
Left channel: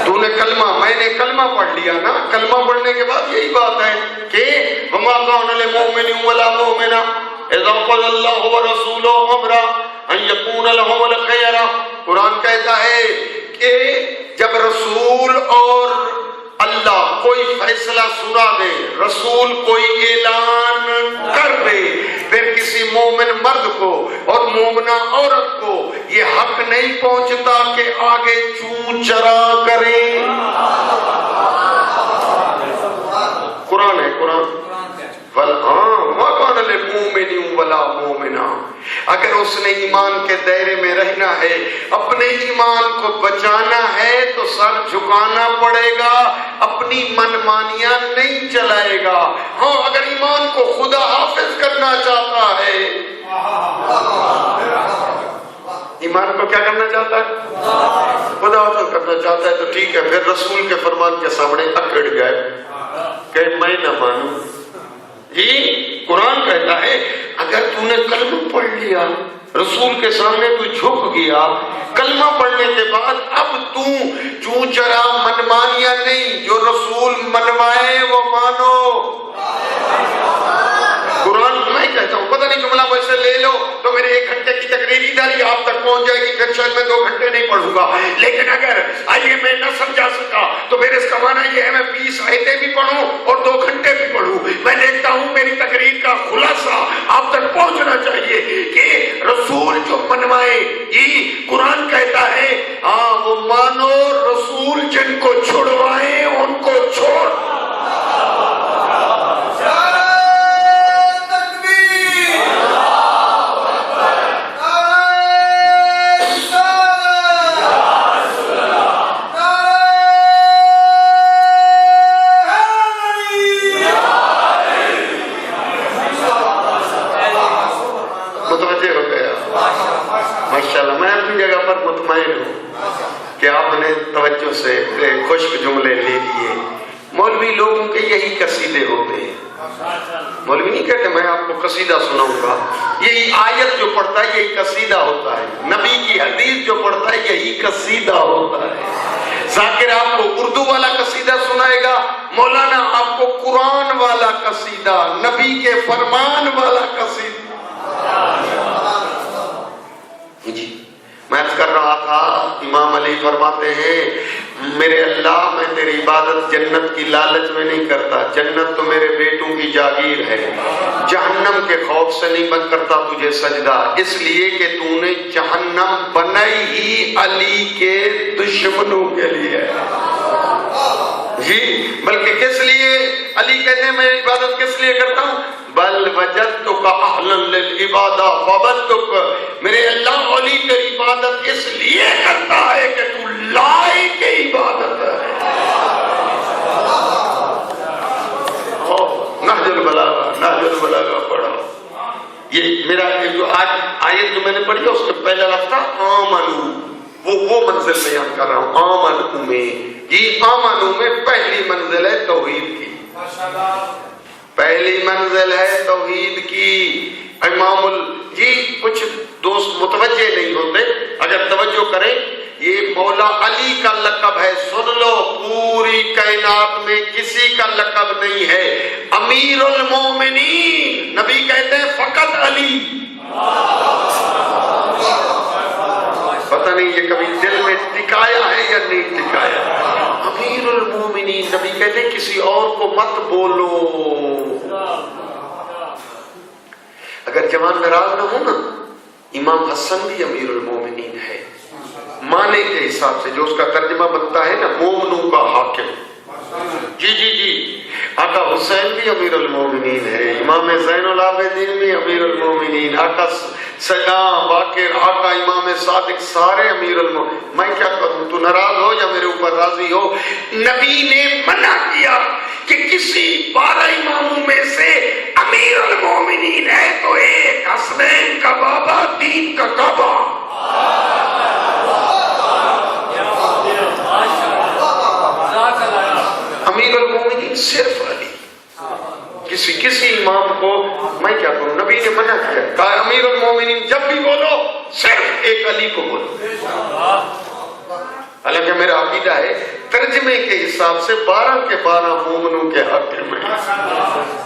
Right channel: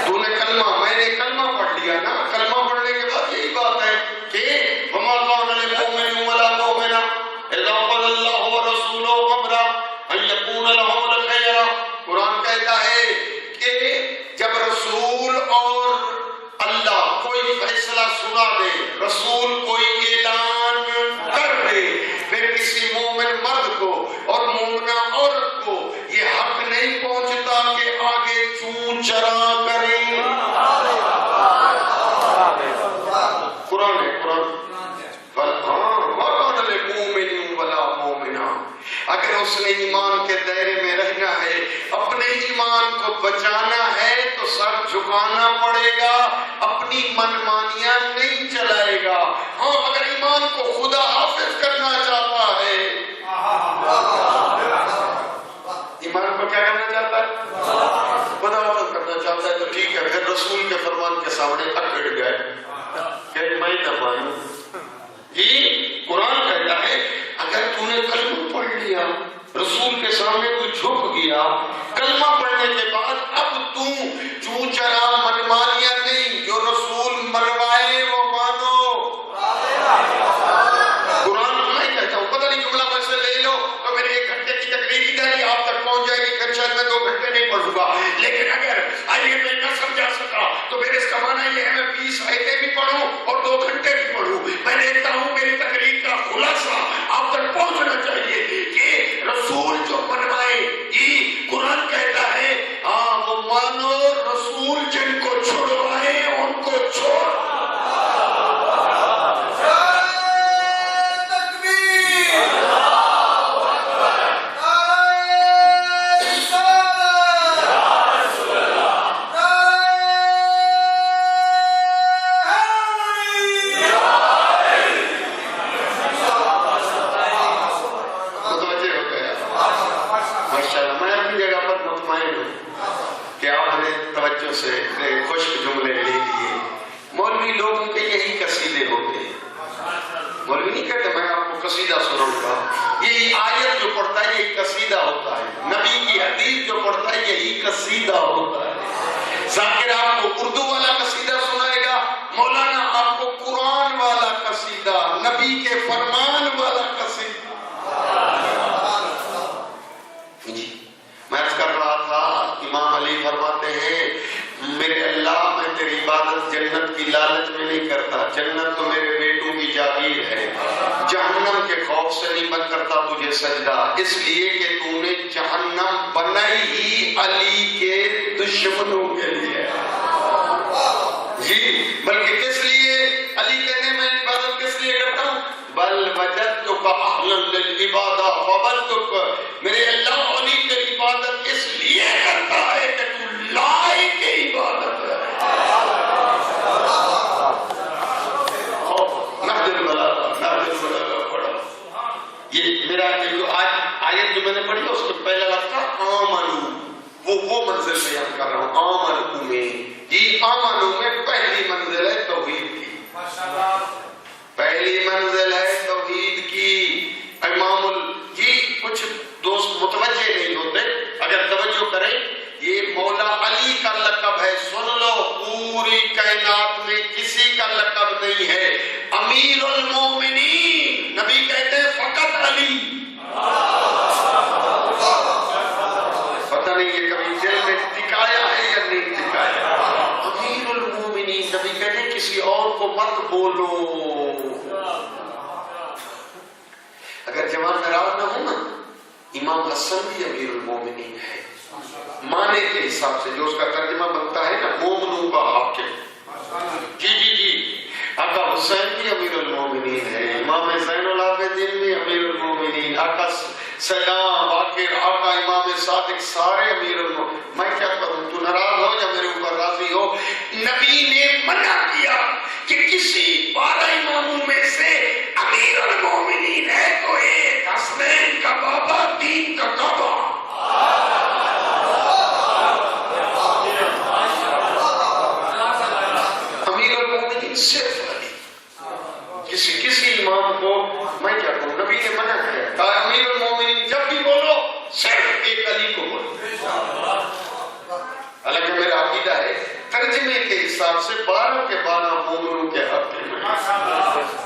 تو نے کلمہ، میں نے کلمہ پڑھ لیا نا، کلمہ پڑھنے کے بعد یہی بات ہے کہ وما كان للمؤمن ولا مؤمنة اذا قضى الله ورسوله امرا ان يكون لهم الخيرة. قرآن کہتا ہے کہ جب رسول اور اللہ کوئی فیصلہ سنا دے، رسول کوئی اعلان کر دے، پھر کسی مومن مرد کو اور مومنہ عورت کو یہ حق نہیں پہنچتا کہ آگے چون چرا کریں. قرآن ہے، قرآن. وَقَانَ لِلْمُؤْمِنِ وَلَا مُؤْمِنَا. اگر اس نے ایمان کے دائرے میں رہنا ہے، اپنے ایمان کو بچانا ہے تو سر جھکانا پڑے گا، اپنی منمانیاں نہیں چلائے گا. ہاں، اگر ایمان کو خدا حافظ کرنا چاہتا ہے، ایمان کو کیا کرنا چاہتا ہے؟ خدا حافظ کرنا چاہتا ہے تو ٹھیک ہے، پھر رسول کے فرمان کے سامنے اکڑ گئے کہ میں نہ مانوں. جی قرآن کہتا ہے اگر تو نے کلمہ پڑھ لیا، رسول کے سامنے تو جھک گیا، کلمہ پڑھنے کے بعد اب تو چوں چرا منمانیاں نہیں، جو رسول منوائے وہ مانو۔ قرآن میں کہتا ہوں، پتہ نہیں جملہ ویسے لے لو تو میرے 1 گھنٹے کی تقریر ادھر ہی آپ تک پہنچ جائے گی، پھر شاید میں 2 گھنٹے نہیں پڑھوں گا، لیکن اگر آئیے میں نہ سمجھا سکا تو میرے اس کا معنی یہ ہے میں 20 آیتیں بھی پڑھوں اور 2 گھنٹے بھی پڑھوں، میں دیکھتا ہوں میری تقریر کا خلاصہ آپ تک پہنچنا چاہیے کہ رسول جو منوائے، یہ قرآن کہتا ہے ہاں وہ مانو، رسول جن کو چھڑوائے ان کو چھوڑ۔ کہ آپ نے توجہ سے خشک جملے لے لیے۔ مولوی لوگوں کے یہی قصیدے ہوتے ہیں، مولوی نہیں کہتے میں آپ کو قصیدہ سناؤں گا، یہی آیت جو پڑھتا ہے یہی قصیدہ ہوتا ہے، نبی کی حدیث جو پڑھتا ہے یہی قصیدہ ہوتا ہے۔ ذاکر آپ کو اردو والا قصیدہ سنائے گا، مولانا آپ کو قرآن والا قصیدہ، نبی کے فرمان والا قصیدہ۔ جی میں عرض کر رہا تھا، امام علی فرماتے ہیں میرے اللہ میں تیری عبادت جنت کی لالچ میں نہیں کرتا، جنت تو میرے بیٹوں کی جاگیر ہے، جہنم کے خوف سے نہیں بند کرتا تجھے سجدہ، اس لیے کہ تو نے جہنم بنائی ہی علی کے دشمنوں کے لیے۔ جی بلکہ کس لیے علی کہتے ہیں میں عبادت کس لیے کرتا ہوں؟ بل وجدتک اہلا للعبادہ فعبدتک، میرے اللہ علی تیری عبادت اس لیے کرتا ہے کہ تو لائق عبادت ہے۔ نہج البلاغہ پڑھا، یہ میرا جو آیت جو میں نے پڑھی ہے اس میں پہلا لفظ تھا آمنو، وہ منزل بیان کر رہا ہوں۔ آمنو میں یہ آمنو میں پہلی منزل ہے توحید کی، پہلی منزل ہے توحید کی۔ امام جی کچھ دوست متوجہ نہیں ہوتے، اگر توجہ کریں یہ مولا علی کا لقب ہے، سن لو پوری کائنات میں کسی کا لقب نہیں ہے، امیر المومنین نبی کہتے ہیں فقط علی۔ پتہ نہیں یہ کبھی دل میں ٹکایا ہے یا نہیں ٹکایا، امیر المومنین نبی کہتے ہیں کسی اور کو مت بولو۔ اگر جوان ناراض نہ ہو نا، امام حسن بھی امیر المومنین ہے، معنی کے حساب سے جو اس کا ترجمہ بنتا ہے نا، مومنوں کا حاکم۔ جی جی جی آقا حسین بھی امیر المومنین ہے، امام زین العابدین بھی امیر المومنین، آقا سلام باقر، آقا امام صادق، سارے امیر المومنین۔ میں کیا کروں، تو ناراض ہو یا میرے اوپر راضی ہو، نبی نے منع کیا کہ کسی 12 اماموں میں سے امیر المومنین ہے تو ایک حسنین کا بابا، دین کا کعبہ۔ امیر المومنین صرف علی، کسی امام کو میں کیا کروں، نبی نے منع کیا، کہا امیر المومنین جب بھی بولو صرف ایک علی کو بولو۔ حالانکہ میرا عقیدہ ہے ترجمے کے حساب سے 12 کے 12 مومنوں کے حاکم ہیں،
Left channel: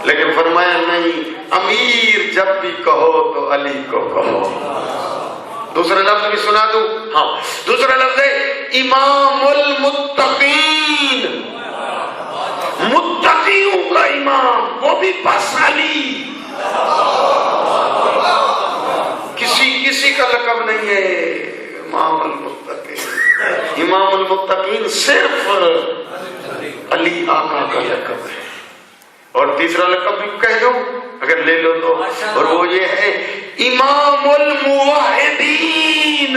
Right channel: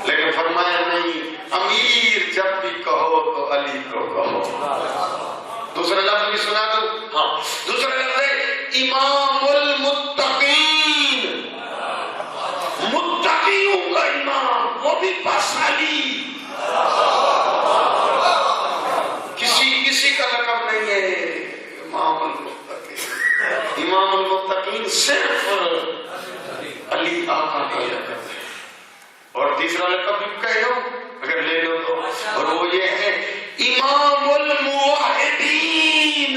لیکن فرمایا نہیں، امیر جب بھی کہو تو علی کو کہو۔ دوسرا لفظ بھی سنا دوں، ہاں دوسرا لفظ ہے امام المتقین، متقیوں کا امام، وہ بھی بس علی، کسی کا لقب نہیں ہے، امام المتقین، امام المتقین صرف علی آقا کا لقب ہے۔ اور تیسرا لقب بھی کہہ دو اگر لے لو تو، اور وہ یہ ہے امام الموحدین،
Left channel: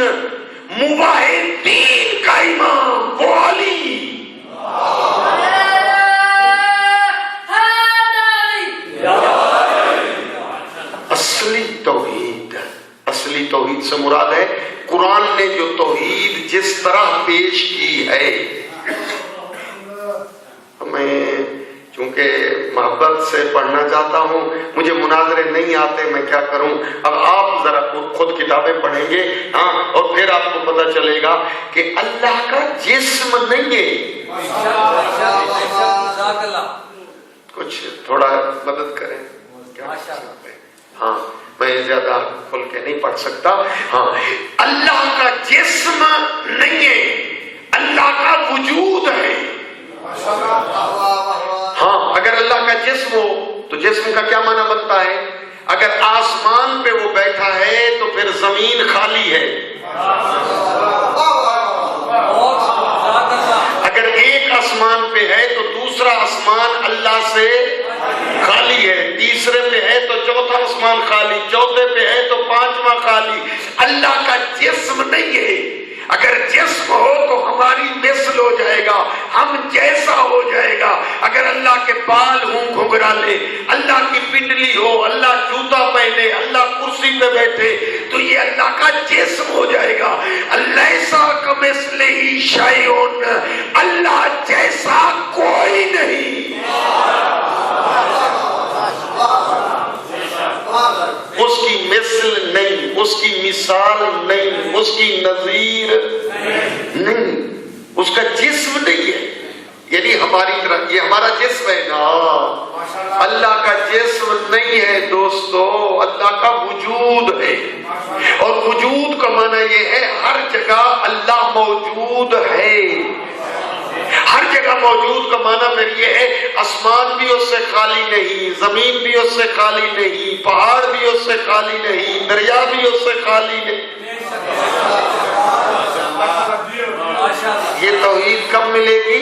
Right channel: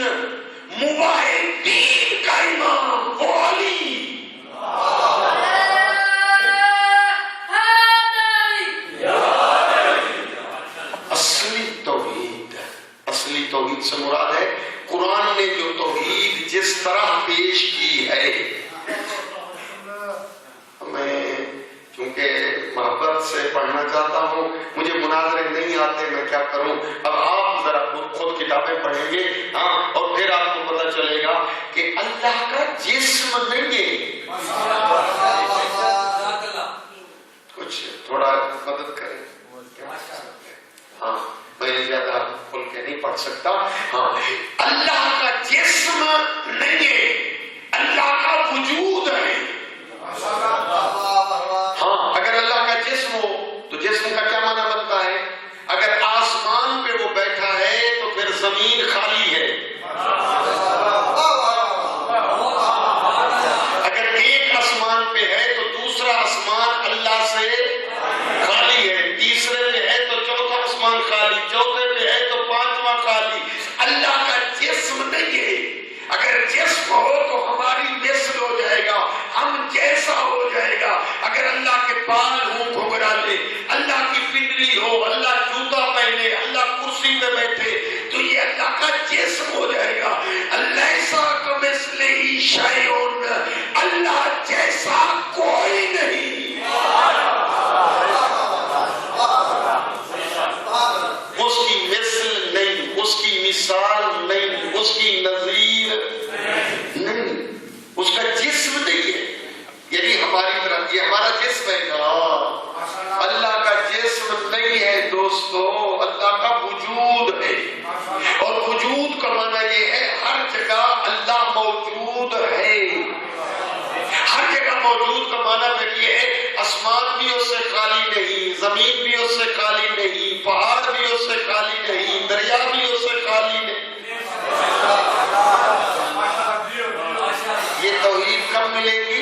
موحدین کا امام وہ علی۔ اصلی توحید سے مراد ہے قرآن نے جو توحید جس طرح پیش کی ہے، میں چونکہ محبت سے پڑھنا چاہتا ہوں، مجھے مناظرے نہیں آتے، میں کیا کروں؟ اب آپ ذرا خود کتابیں پڑھیں گے اور پھر آپ کو پتہ چلے گا کہ اللہ کا جسم نہیں ہے۔ کچھ تھوڑا مدد کریں، ہاں میں زیادہ کھل کے نہیں پڑھ سکتا۔ ہاں اللہ کا جسم نہیں ہے، اللہ کا وجود ہے۔ ہاں اگر اللہ کا جسم ہو تو جسم کا کیا معنی بنتا ہے؟ اگر آسمان پہ وہ بیٹھا ہے تو پھر زمین خالی ہے۔ اگر ایک آسمان پہ ہے تو دوسرا آسمان اللہ سے خالی ہے، تیسرے پہ ہے تو چوتھا آسمان خالی، چوتھے پہ ہے تو پانچواں خالی۔ اللہ کا جسم نہیں ہے۔ اگر جسم ہو تو ہماری مثل ہو جائے گا، ہم جیسا ہو جائے گا۔ اگر اللہ کے بال ہوں گھنگرالے، اللہ کی پنڈلی ہو، اللہ جوتا پہنے، اللہ کرسی پہ بیٹھے، تو یہ اللہ کا جسم ہو جائے گا۔ لیسا کمثلہ شیء، اللہ جیسا کوئی نہیں۔ اس کی مثل نہیں، اس کی مثال نہیں، اس کی نظیر نہیں، اس کا جسم نہیں ہے۔ یعنی ہماری طرح یہ ہمارا جسم ہے نا، اللہ کا جسم نہیں ہے دوستو، اللہ کا وجود ہے۔ اور وجود کا معنی یہ ہے ہر جگہ اللہ موجود ہے۔ ہر جگہ موجود کا معنی پھر یہ ہے آسمان بھی اس سے خالی نہیں، زمین بھی اس سے خالی نہیں، پہاڑ بھی اس سے خالی نہیں، دریا بھی اس سے خالی نہیں۔ یہ توحید کب ملے گی؟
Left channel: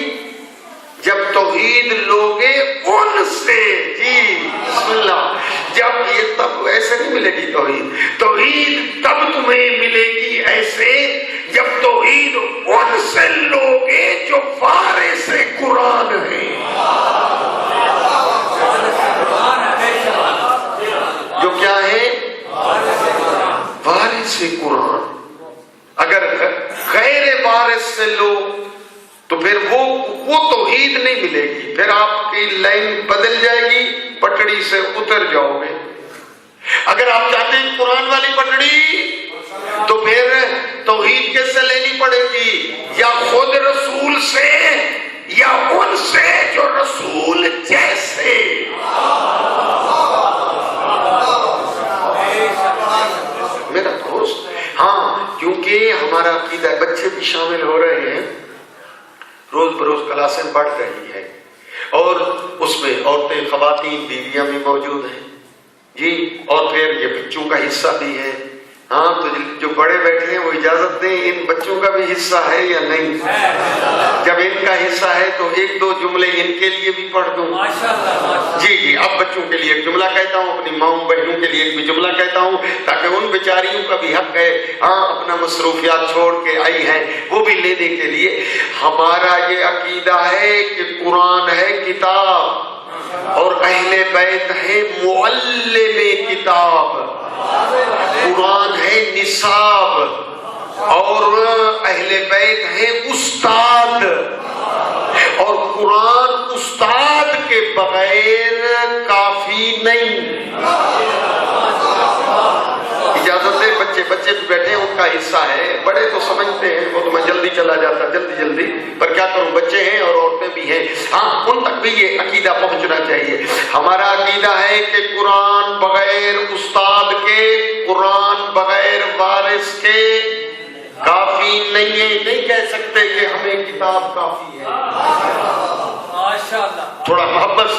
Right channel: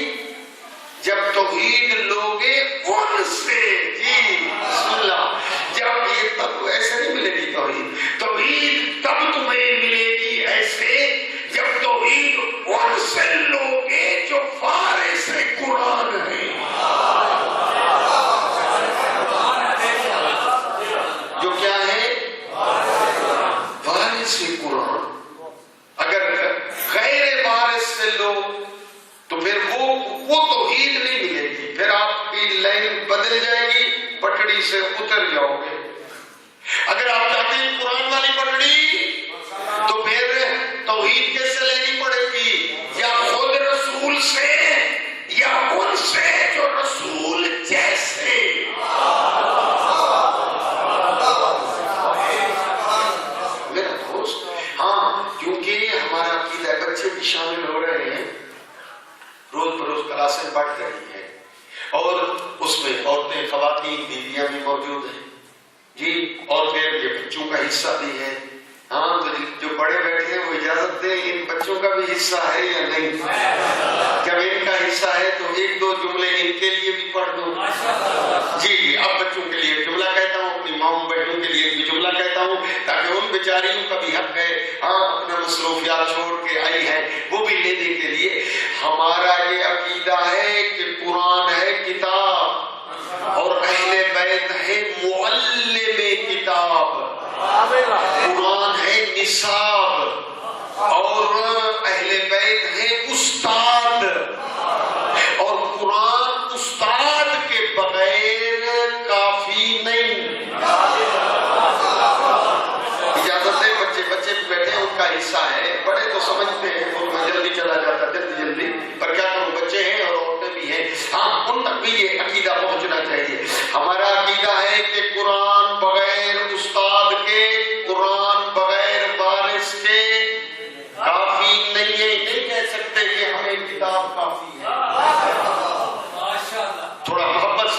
جب توحید لوگے ان سے، جی بسم اللہ، جب یہ تب ایسے نہیں ملے گی توحید۔ توحید تب تمہیں ملے گی ایسے جب توحید ان سے لوگے جو وارث قرآن ہے، جو کیا ہے؟ وارث قرآن۔ اگر غیر وارث سے لو تو پھر وہ توحید نہیں ملے گی، پھر آپ کی لائن بدل جائے گی، پٹڑی سے اتر جاؤ گے۔ اگر آپ چاہتے ہیں قرآن والی پٹڑی تو پھر توحید کس سے لینی پڑے گی؟ یا خود رسول سے یا ان سے جو رسول جیسے۔ میرا دوست، ہاں کیونکہ ہمارا عقیدہ، بچے بھی شامل ہو رہے ہیں، روز بروز کلاسیں بڑھ رہی ہے، اور اس میں عورتیں، خواتین، بیویاں بھی موجود ہیں جی، اور پھر یہ بچوں کا حصہ بھی ہے۔ ہاں تو جو بڑے بیٹھے ہیں وہ اجازت دیں ان بچوں کا بھی حصہ ہے یا نہیں؟ جب ان کا حصہ ہے تو ایک دو جملے ان کے لیے بھی پڑھ دوں۔ جی جی، اب بچوں کے لیے ایک جملہ کہتا ہوں، اپنی ماؤں بہنوں کے لیے ایک بھی جملہ کہتا ہوں، تاکہ ان بیچاریوں کا بھی حق ہے، ہاں اپنا مصروفیات چھوڑ کے آئی ہیں وہ بھی لینے کے لیے۔ ہمارا یہ عقیدہ ہے کہ قرآن ہے کتاب اور اہل بیت ہے معلم کتاب، قرآن ہے نصاب اور اہل بیت ہے استاد، اور قرآن استاد کے بغیر کافی نہیں۔ اجازت ہے، بچے بھی بیٹھے ہیں، ان کا حصہ ہے، بڑے تو سمجھتے ہیں، وہ تو میں جلدی چلا جاتا جلدی، پر کیا کروں، بچے ہیں اور عورتیں بھی ہیں، ہاں ان تک بھی یہ عقیدہ پہنچنا چاہیے۔ ہمارا عقیدہ ہے کہ قرآن بغیر استاد کے، قرآن بغیر وارث کے کافی نہیں ہے۔ نہیں کہہ سکتے کہ ہمیں کتاب کافی ہے۔ تھوڑا محبت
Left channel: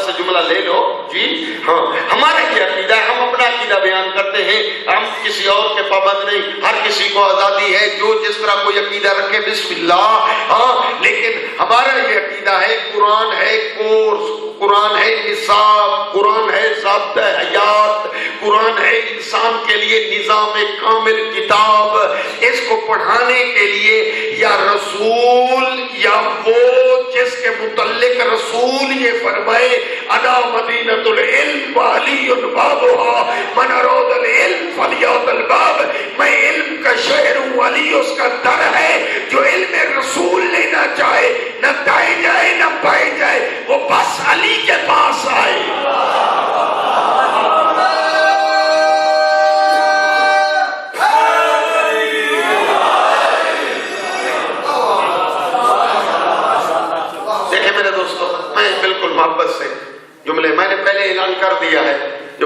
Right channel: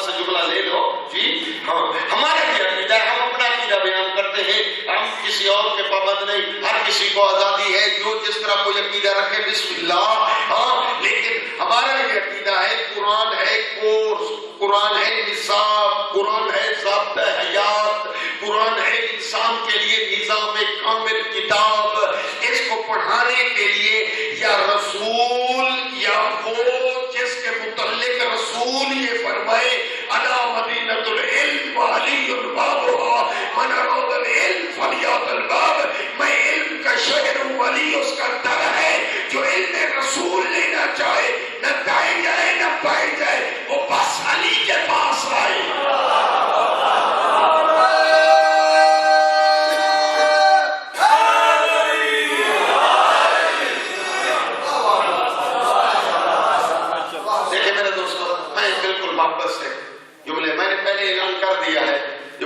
سے جملہ لے لو جی۔ ہاں ہمارا یہ عقیدہ ہے، ہم اپنا عقیدہ بیان کرتے ہیں، ہم کسی اور کے پابند نہیں، ہر کسی کو آزادی ہے جو جس طرح کوئی عقیدہ رکھے، بسم اللہ۔ ہاں لیکن ہمارا یہ عقیدہ ہے قرآن ہے کورس، قرآن ہے نصاب، قرآن ہے ضابطہ حیات، قرآن ہے انسان کے لیے نظام کامل کتاب۔ اس کو پڑھانے کے لیے یا رسول یا وہ جس کے متعلق رسول یہ فرمائے انا مدینۃ العلم وعلی بابها من اراد العلم فلیأت الباب، میں علم کا شہر ہوں، علی اس کا در ہے۔ جو علم رسول لینا چاہے، نہ دائیں جائے نہ بائیں جائے، وہ بس علی کے پاس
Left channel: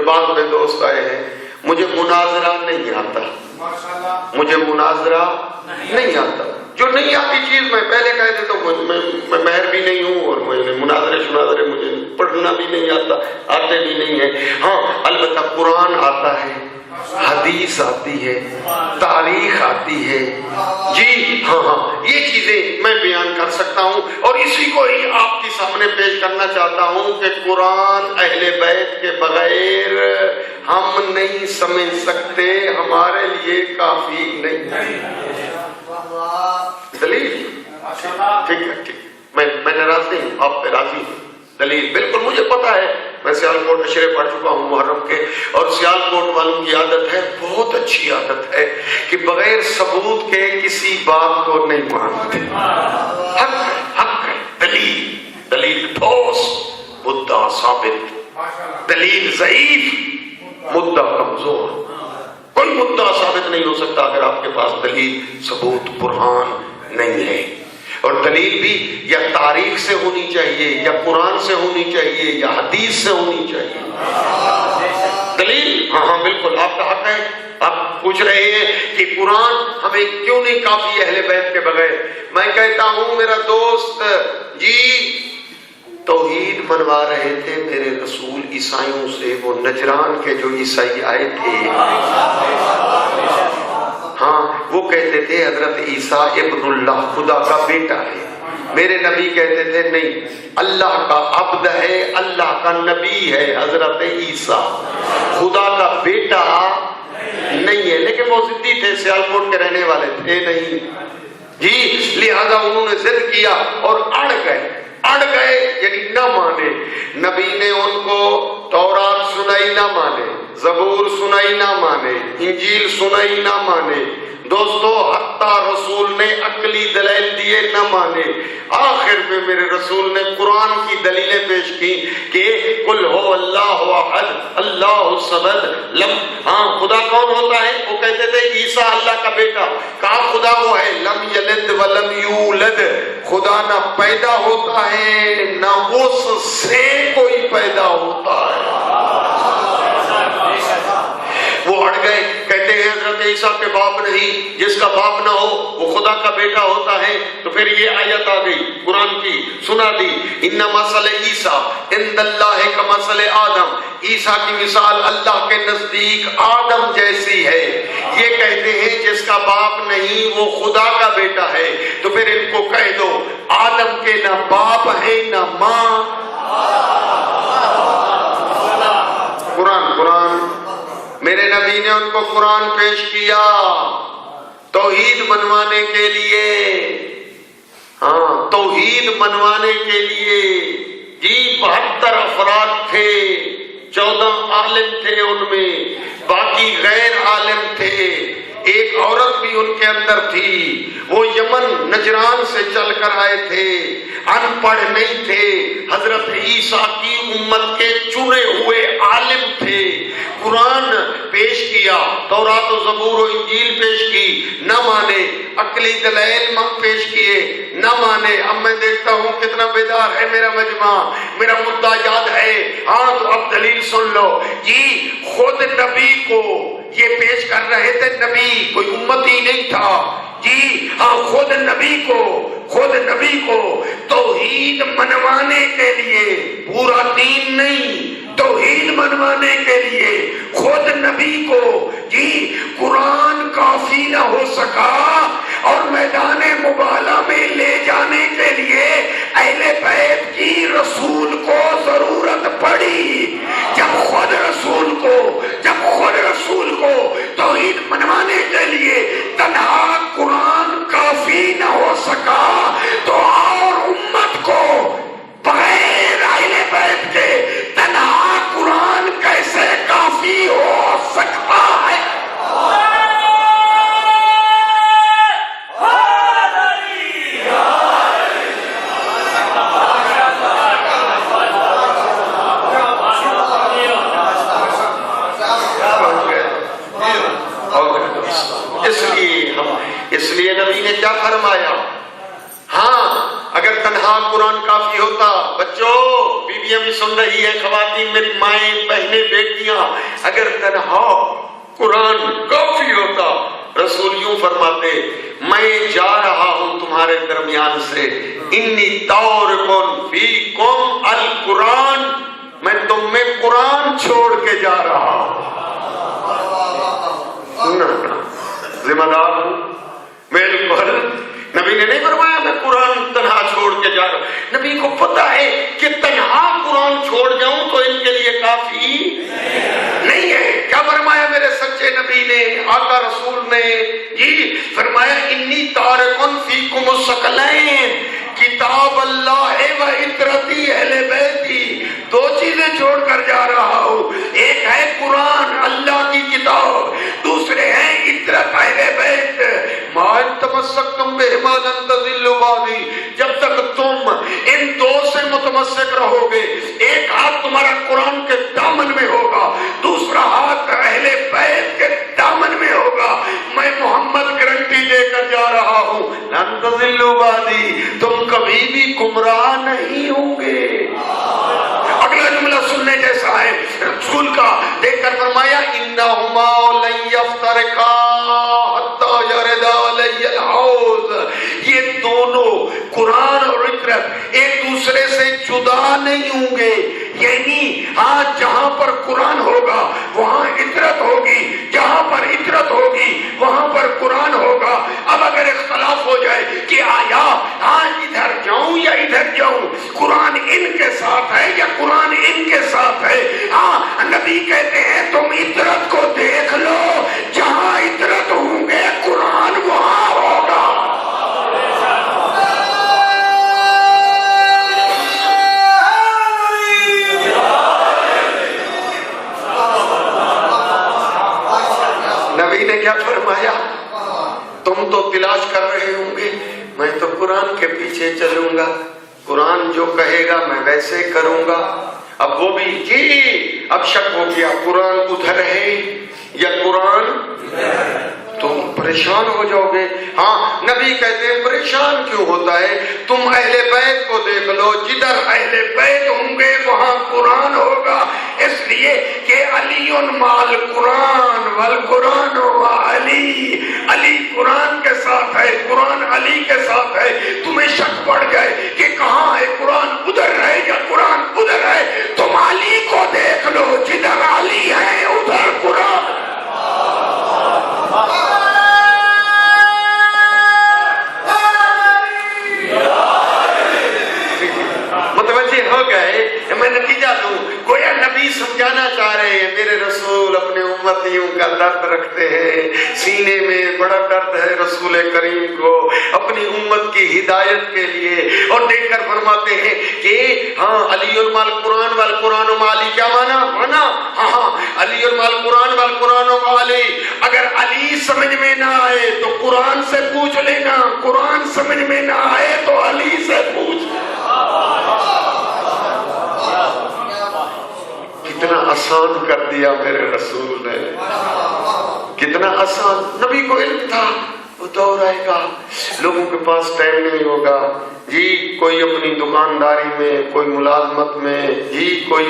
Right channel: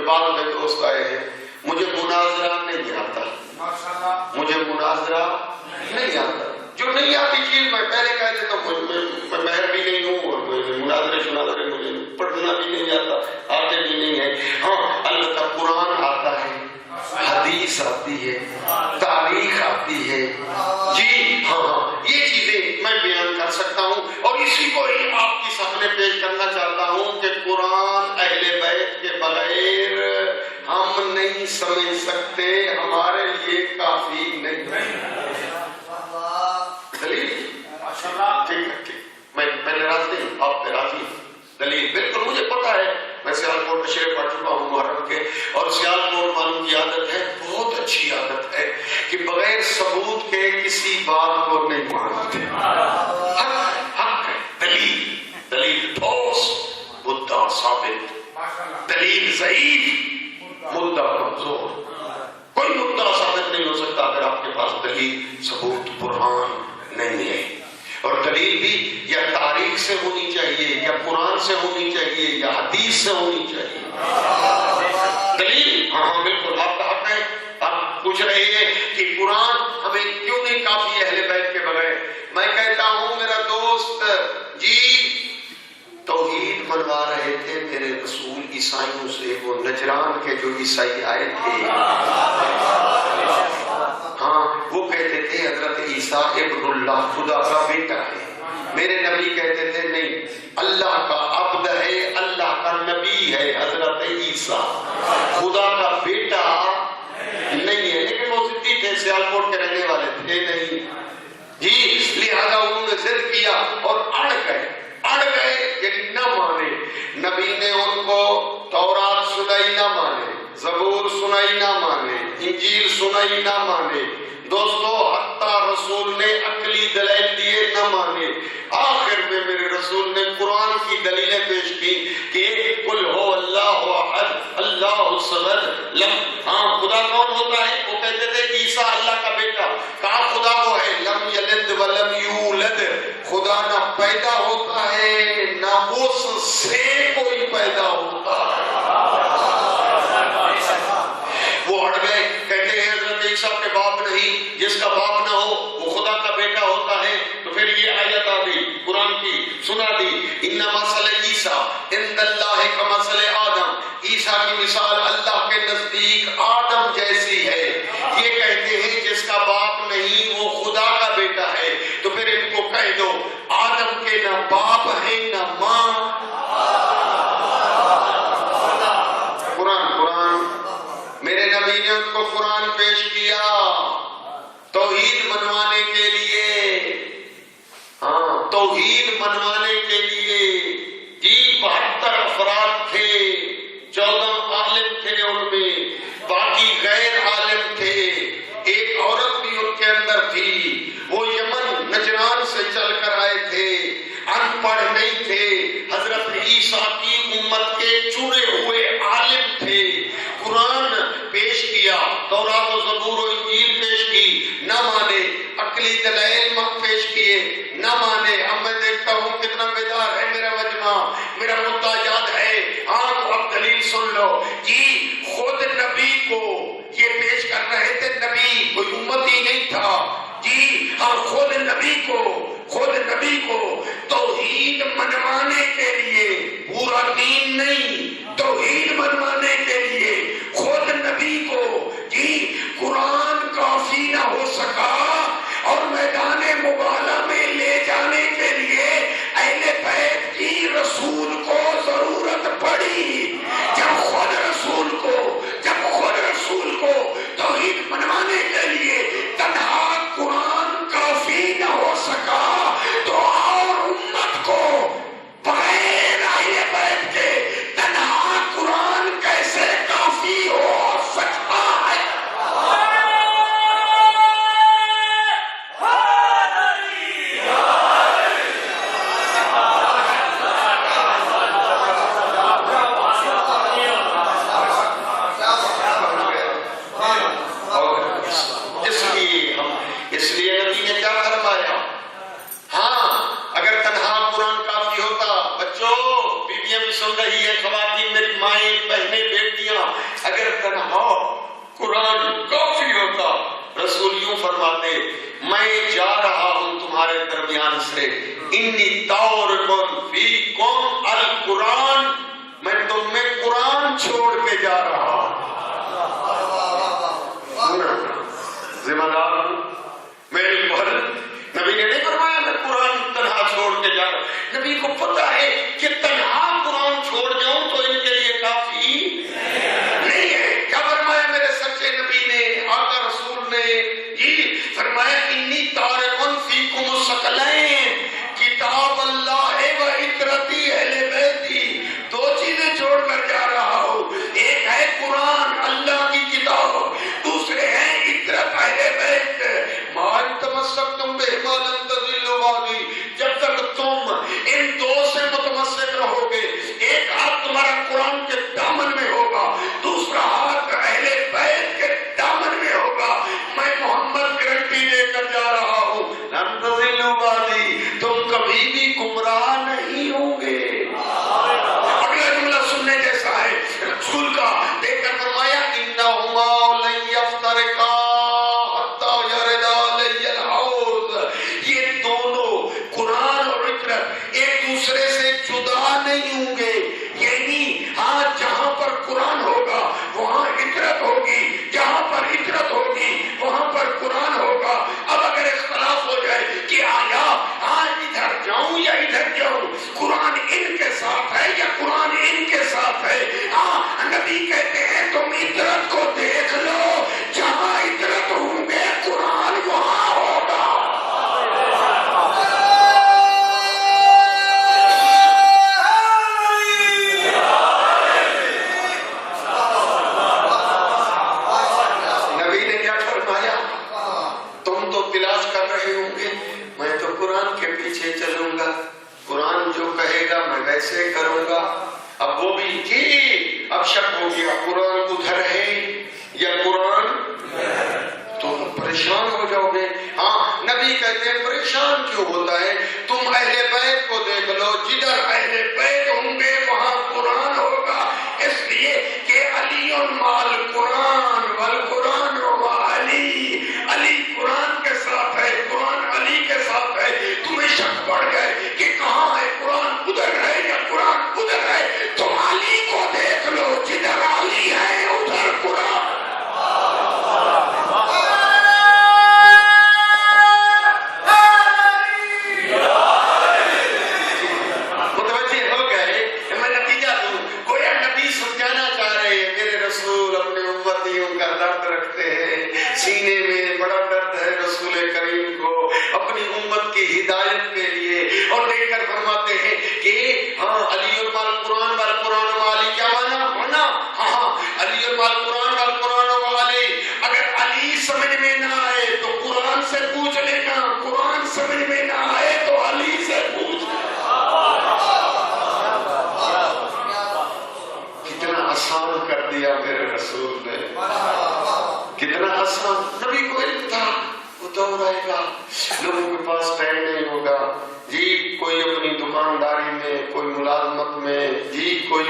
بعد میں دوست آئے ہیں، مجھے مناظرہ نہیں آتا، مجھے مناظرہ نہیں آتا، جو نہیں آتی چیز میں پہلے کہہ دیتا ہوں، میں ماہر بھی نہیں ہوں اور میں مناظرے مجھے پڑھنا بھی نہیں آتا، آتے بھی نہیں ہیں۔ ہاں البتہ قرآن آتا ہے، حدیث آتی ہے، تاریخ آتی ہے، جی ہاں یہ چیزیں میں بیان کر سکتا ہوں، اور اسی کو ہی آپ کے سامنے پیش کرنا چاہتا ہوں کہ قرآن اہل بیت کے بغیر ہم نہیں سمجھ سکتے، ہمارے لیے کافی نہیں۔ دلیل ٹھیک ہے، ٹھیک، میں ناراض نہیں ہوں، آپ پہ راضی ہوں۔ دلیل بالکل مجھے پتا ہے، میں سیالکوٹ اشرے پڑھ چکا ہوں محرم کے، اور سیالکوٹ والوں کی عادت ہے، بہت اچھی عادت ہے کہ بغیر ثبوت کے کسی بات کو نہیں مانتے۔ حق ہے، دلیل ٹھوس، مدعا ثابت، دلیل ضعیف، مدعا کمزور۔ کوئی مدعا ثابت نہیں ہو سکتا اگر آپ کے پاس دلیل، ثبوت، برہان نہیں ہے۔ اور دلیل بھی یا تاریخ سے ہونی چاہیے، یا قرآن سے ہونی چاہیے، یا حدیث سے ہونی چاہیے۔ دلیل ہاں بالکل آپ کا حق ہے۔ آپ پوچھ رہے ہیں کہ قرآن ہمیں کیوں نہیں کافی اہل بیت کے بغیر؟ میں کہتا ہوں میرا دوست جی، توحید منوا رہے تھے میرے رسول عیسائیوں سے، وہ نجران کے جو عیسائی آئے تھے، ہاں وہ کہتے تھے حضرت عیسیٰ ابن اللہ، خدا کا بیٹا ہے۔ میرے نبی کہتے تھے نہیں، اللہ کا عبد ہے، اللہ کا نبی ہے حضرت عیسیٰ، خدا کا بیٹا نہیں ہے۔ لیکن وہ ضدی تھے، سیالکوٹ کے رہنے والے تھے نہیں جی، لہذا انہوں نے ضد کیا اور اڑ گئے یعنی نہ مانے۔ نبی نے ان کو تورات سنائی، نہ مانے، زبور سنائی، نہ مانے، انجیل سنائی، نہ مانے۔ دوستو حتیٰ رسول نے عقلی دلائل دیے، نہ مانے۔ آخر میں میرے رسول نے قرآن کی دلیلیں پیش کی کہ قل هو اللہ احد اللہ الصمد لم، ہاں خدا کون ہوتا ہے؟ وہ کہتے تھے عیسیٰ اللہ کا بیٹا، کہا خدا وہ ہے لم یلد ولم یولد، خدا نہ پیدا ہوتا ہے نہ اس سے کوئی پیدا ہوتا ہے۔ وہ ہٹ گئے، کہتے ہیں حضرت عیسیٰ کے باپ نہیں، جس کا باپ نہ ہو وہ خدا کا بیٹا ہوتا ہے۔ تو پھر یہ آیت آ گئی قرآن کی، سنا دی، ان مثل عیسیٰ عند اللہ کمثل آدم، عیسیٰ کی مثال اللہ کے نزدیک آدم جیسی ہے۔ یہ کہتے ہیں جس کا باپ نہیں وہ خدا کا بیٹا ہے، تو پھر ان کو کہہ دو آدم کے نہ باپ ہے نہ ماں۔ قرآن میرے نبی نے ان کو قرآن پیش کیا توحید منوانے کے لیے، ہاں توحید منوانے کے لیے جی 72 افراد تھے، 14 عالم تھے ان میں، باقی غیر عالم تھے، ایک عورت بھی ان کے اندر تھی، وہ یمن نجران سے چل کر آئے تھے، ان پڑھ نہیں تھے، حضرت عیسیٰ کی امت کے چنے ہوئے عالم تھے۔ قرآن پیش کیا، تورات و زبور و انجیل پیش کی، نہ مانے، عقلی دلائل پیش کیے، نہ مانے۔ اب میں دیکھتا ہوں کتنا بیدار ہے میرا مجمع، میرا مدعا یاد ہے، ہاں تو اب دلیل سن لو جی۔ خود نبی کو یہ پیش کر رہے تھے، نبی کوئی امتی نہیں تھا جی، ہاں خود نبی کو توحید منوانے کے لیے، پورا دین نہیں، توحید منوانے کے لیے خود نبی کو جی قرآن کافی نہ ہو سکا، اور میدان مباہلہ میں لے جانے کے لیے اہل بیت کی رسول کو ضرورت پڑی۔ جب خود رسول کو توحید منوانے کے لیے تنہا قرآن کافی نہ ہو سکا، تو اور امت کو بغیر اہل بیت کے تنہا قرآن کیسے کافی ہو سکتا ہے؟ اس لیے نبی نے کیا فرمایا؟ ہاں اگر تنہا قرآن کافی ہوتا، بچوں بیٹیاں بھی سن رہی ہیں، خواتین میں مائیں بہنیں بیٹیاں، اگر تنہا قرآن کافی ہوتا، رسول یوں فرماتے میں جا رہا ہوں تمہارے درمیان سے، انی تارکن فیکم القرآن، میں تم میں قرآن چھوڑ کے جا رہا ہوں۔ ذمہ دار ہوں بالکل۔ نبی نے نہیں فرمایا میں قرآن تنہا چھوڑ کے جا رہا ہوں، نبی کو پتا ہے کہ تنہا قرآن چھوڑ جاؤں تو ان کے لیے کافی نہیں ہے۔ کیا فرمایا میرے سچے نبی نے، آقا رسول نے؟ یہ فرمایا انی تارکن فیکم الثقلین، کتاب اللہ و عترتی اہل بیتی، دو چیزیں چھوڑ کر جا رہا ہوں، ایک ہے قرآن اللہ کی کتاب، دوسرے ہیں عترت اہل بیت۔ ما تمسکتم بہما لن تضلوا بعدی، جب تک تم ان دو سے متمسک رہو گے، ایک ہاتھ تمہارا قرآن کے دامن میں ہوگا، دوسرا ہاتھ اہل بیت کے دامن میں ہوگا، میں محمد گارنٹی دے کر جا رہا ہوں لن تضلوا بعدی، تم کبھی بھی گمراہ نہیں ہوں گے۔ اگلا جملہ سننے جیسا ہے رسول کا، دیکھ کر فرمایا انہما لن یفترقا حتی یردا علی الحوض، یہ دونوں قرآن اور عترت ایک دوسرے سے جدا نہیں ہوں گے، یعنی ہاں جہاں پر قرآن ہوگا وہاں عترت ہوگی، جہاں پر عترت ہوگی وہاں پر قرآن ہوگا۔ اب اگر اختلاف ہو جائے کہ آیا ہاں ادھر جاؤں یا ادھر جاؤں، قرآن ان کے ساتھ ہے یا قرآن ان کے ساتھ ہے، ہاں نبی کہتے ہیں تم عترت کو دیکھ لو، جہاں عترت ہوں گے قرآن وہاں ہوگا۔ نبی نے کیا فرمایا؟ تم تو تلاش کر رہے ہوں گے، میں تو قرآن کے پیچھے چلوں گا، قرآن جو کہے گا میں ویسے کروں گا۔ اب وہ بھی جی اب شک ہو گیا قرآن ادھر ہے یا قرآن، تم پریشان ہو جاؤ گے۔ ہاں نبی کہتے ہیں پریشان کیوں ہوتا ہے، تم اہل بیت کو دیکھ لو، جدھر اہل بیت ہوں گے وہاں قرآن ہوگا، اس لیے کہ علی مال قرآن والقرآن مع علی، علی قرآن کے ساتھ ہے، قرآن علی کے ساتھ ہے۔ تمہیں شک پڑ گئے کہ کہاں ہے قرآن، ادھر ہے یا قرآن ادھر ہے، تم علی کو دیکھ لو، جدھر علی ہے ادھر قرآن۔ متوجہ ہو گئے؟ میں نتیجہ دوں، گویا نبی سمجھانا چاہ رہے ہیں میرے رسول اپنے امتیوں کا درد رکھتے ہیں، سینے میں بڑا درد ہے رسول کریم کو اپنی امت کی ہدایت کے لیے، اور دیکھ کر فرماتے ہیں کہ ہاں علی المال قرآن والقرآن مع علی، کیا مانا؟ ہاں علی المال قرآن والقرآن مع علی، اگر علی سمجھ میں نہ آئے تو قرآن سے پوچھ لینا، قرآن سمجھ میں نہ آئے تو علی سے پوچھ لینا۔ کتنا آسان کر دیا میرے رسول نے، کتنا آسان۔ نبی کو علم تھا وہ دور آئے گا، لوگوں کے پاس ٹائم نہیں ہوگا، جی کوئی اپنی دکانداری میں، کوئی ملازمت میں، جی کوئی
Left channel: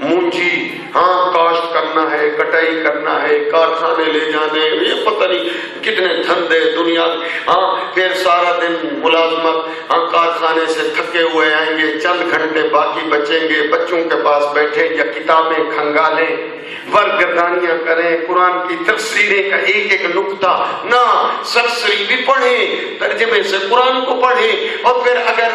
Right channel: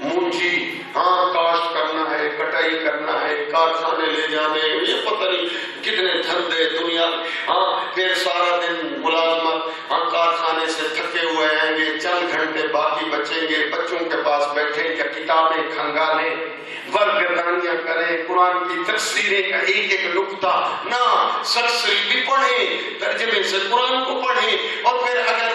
مونجی ہاں کاشت کرنا ہے، کٹائی کرنا ہے، کارخانے لے جانے، یہ پتہ نہیں کتنے دھندے دنیا، ہاں پھر سارا دن ملازمت، ہاں کارخانے سے تھکے ہوئے آئیں گے، چند گھنٹے باقی بچیں گے، بچوں کے پاس بیٹھے یا کتابیں کھنگالیں، ورگردانیاں کریں، قرآن کی تفسیریں کا ایک ایک نقطہ نہ، سرسری بھی پڑھیں، ترجمے سے قرآن کو پڑھیں، اور پھر اگر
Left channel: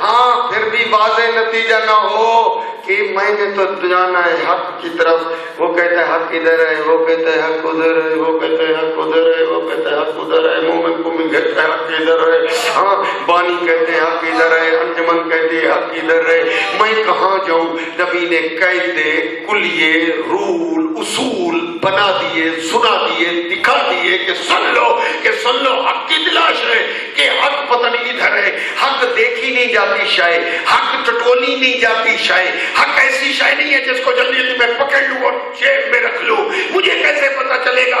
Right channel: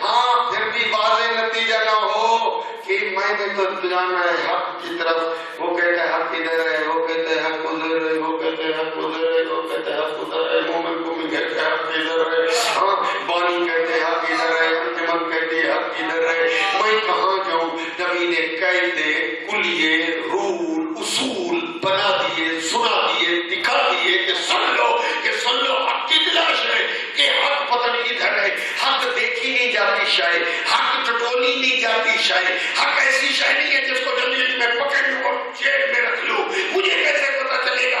ہاں پھر بھی واضح نتیجہ نہ ہو کہ میں نے تو جانا ہے حق کی طرف، وہ کہتا ہے حق ادھر ہے، وہ کہتا ہے حق ادھر ہے، وہ کہتا ہے حق ادھر ہے، وہ کہتا ہے حق ادھر ہے، مومن کو بھی کہتا ہے حق ادھر ہے، ہاں بانی کہتے ہیں حق ادھر ہے، انجمن کہتے ہیں حق ادھر ہے، میں کہاں جاؤں؟ نبی نے قاعدے کلیے رول اصول بنا دیے، سنا دیے، دکھا دیے کہ سن لو حق کی تلاش ہے، کہ حق پتہ نہیں ادھر ہے، حق دیکھی نہیں جاتی شے، حق ٹٹولی نہیں جاتی شے، حق ایسی شے نہیں ہے جس کو جلدی میں پکڑ لوں اور جیب میں رکھ لوں، مجھے کیسے پتہ چلے گا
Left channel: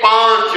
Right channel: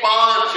5।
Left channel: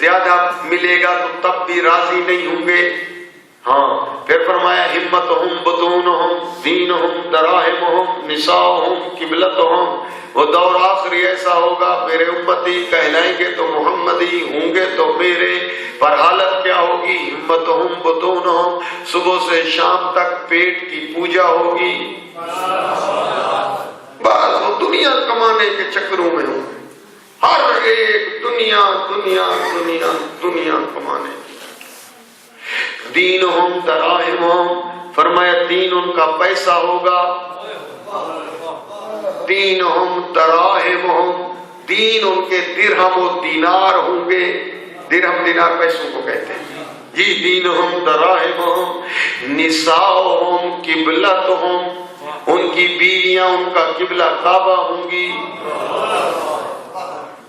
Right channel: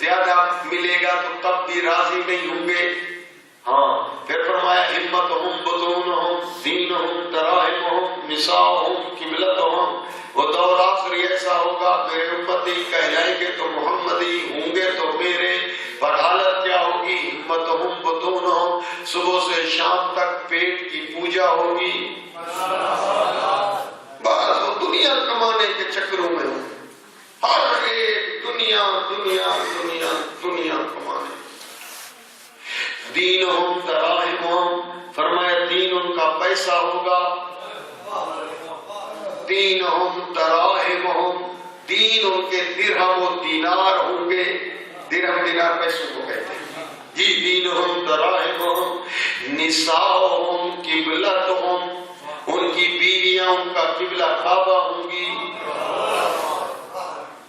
زیادہ ملے گا تو تب بھی راضی نہیں ہوں گے. ہاں پھر فرمایا ہمتہم بطونہم دینہم دراہمہم نساؤہم قبلتہم. وہ دور آخری ایسا ہوگا میرے امتی کہلائیں گے تو محمدی، ہوں گے تو میرے، پر حالت کیا ہوگی؟ ہمتہم بطونہم، صبح سے شام تک پیٹ کی پوجا ہوگی. بس وہ دنیا کمانے کے چکروں میں ہوں، ہر ایک دنیا دنیا دنیا دنیا کمانے. دینہم دراہمہم، فرمایا دین ان کا پیسہ ہوگا. دینہم دراہمہم، دین ان کے درہم و دینار ہوں گے. درہم دینار پیسوں کو کہتے ہیں جی. دینہم دراہمہم نساؤہم قبلتہم، ان کی بیویاں ان کا قبلہ کعبہ ہوں گی.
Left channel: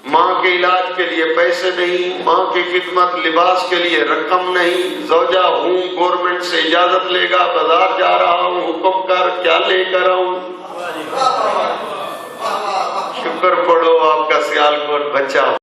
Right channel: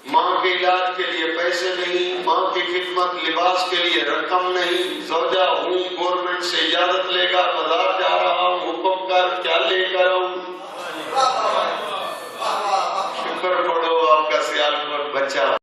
ماں کے علاج کے لیے پیسے نہیں، ماں کی خدمت لباس کے لیے رقم نہیں. زوجہ ہوں گورنمنٹ سے اجازت لے گا، بازار جا رہا ہوں، حکم کر کیا لے کر آؤں. شکر پڑھو آپ کا سیال کوٹ بچہ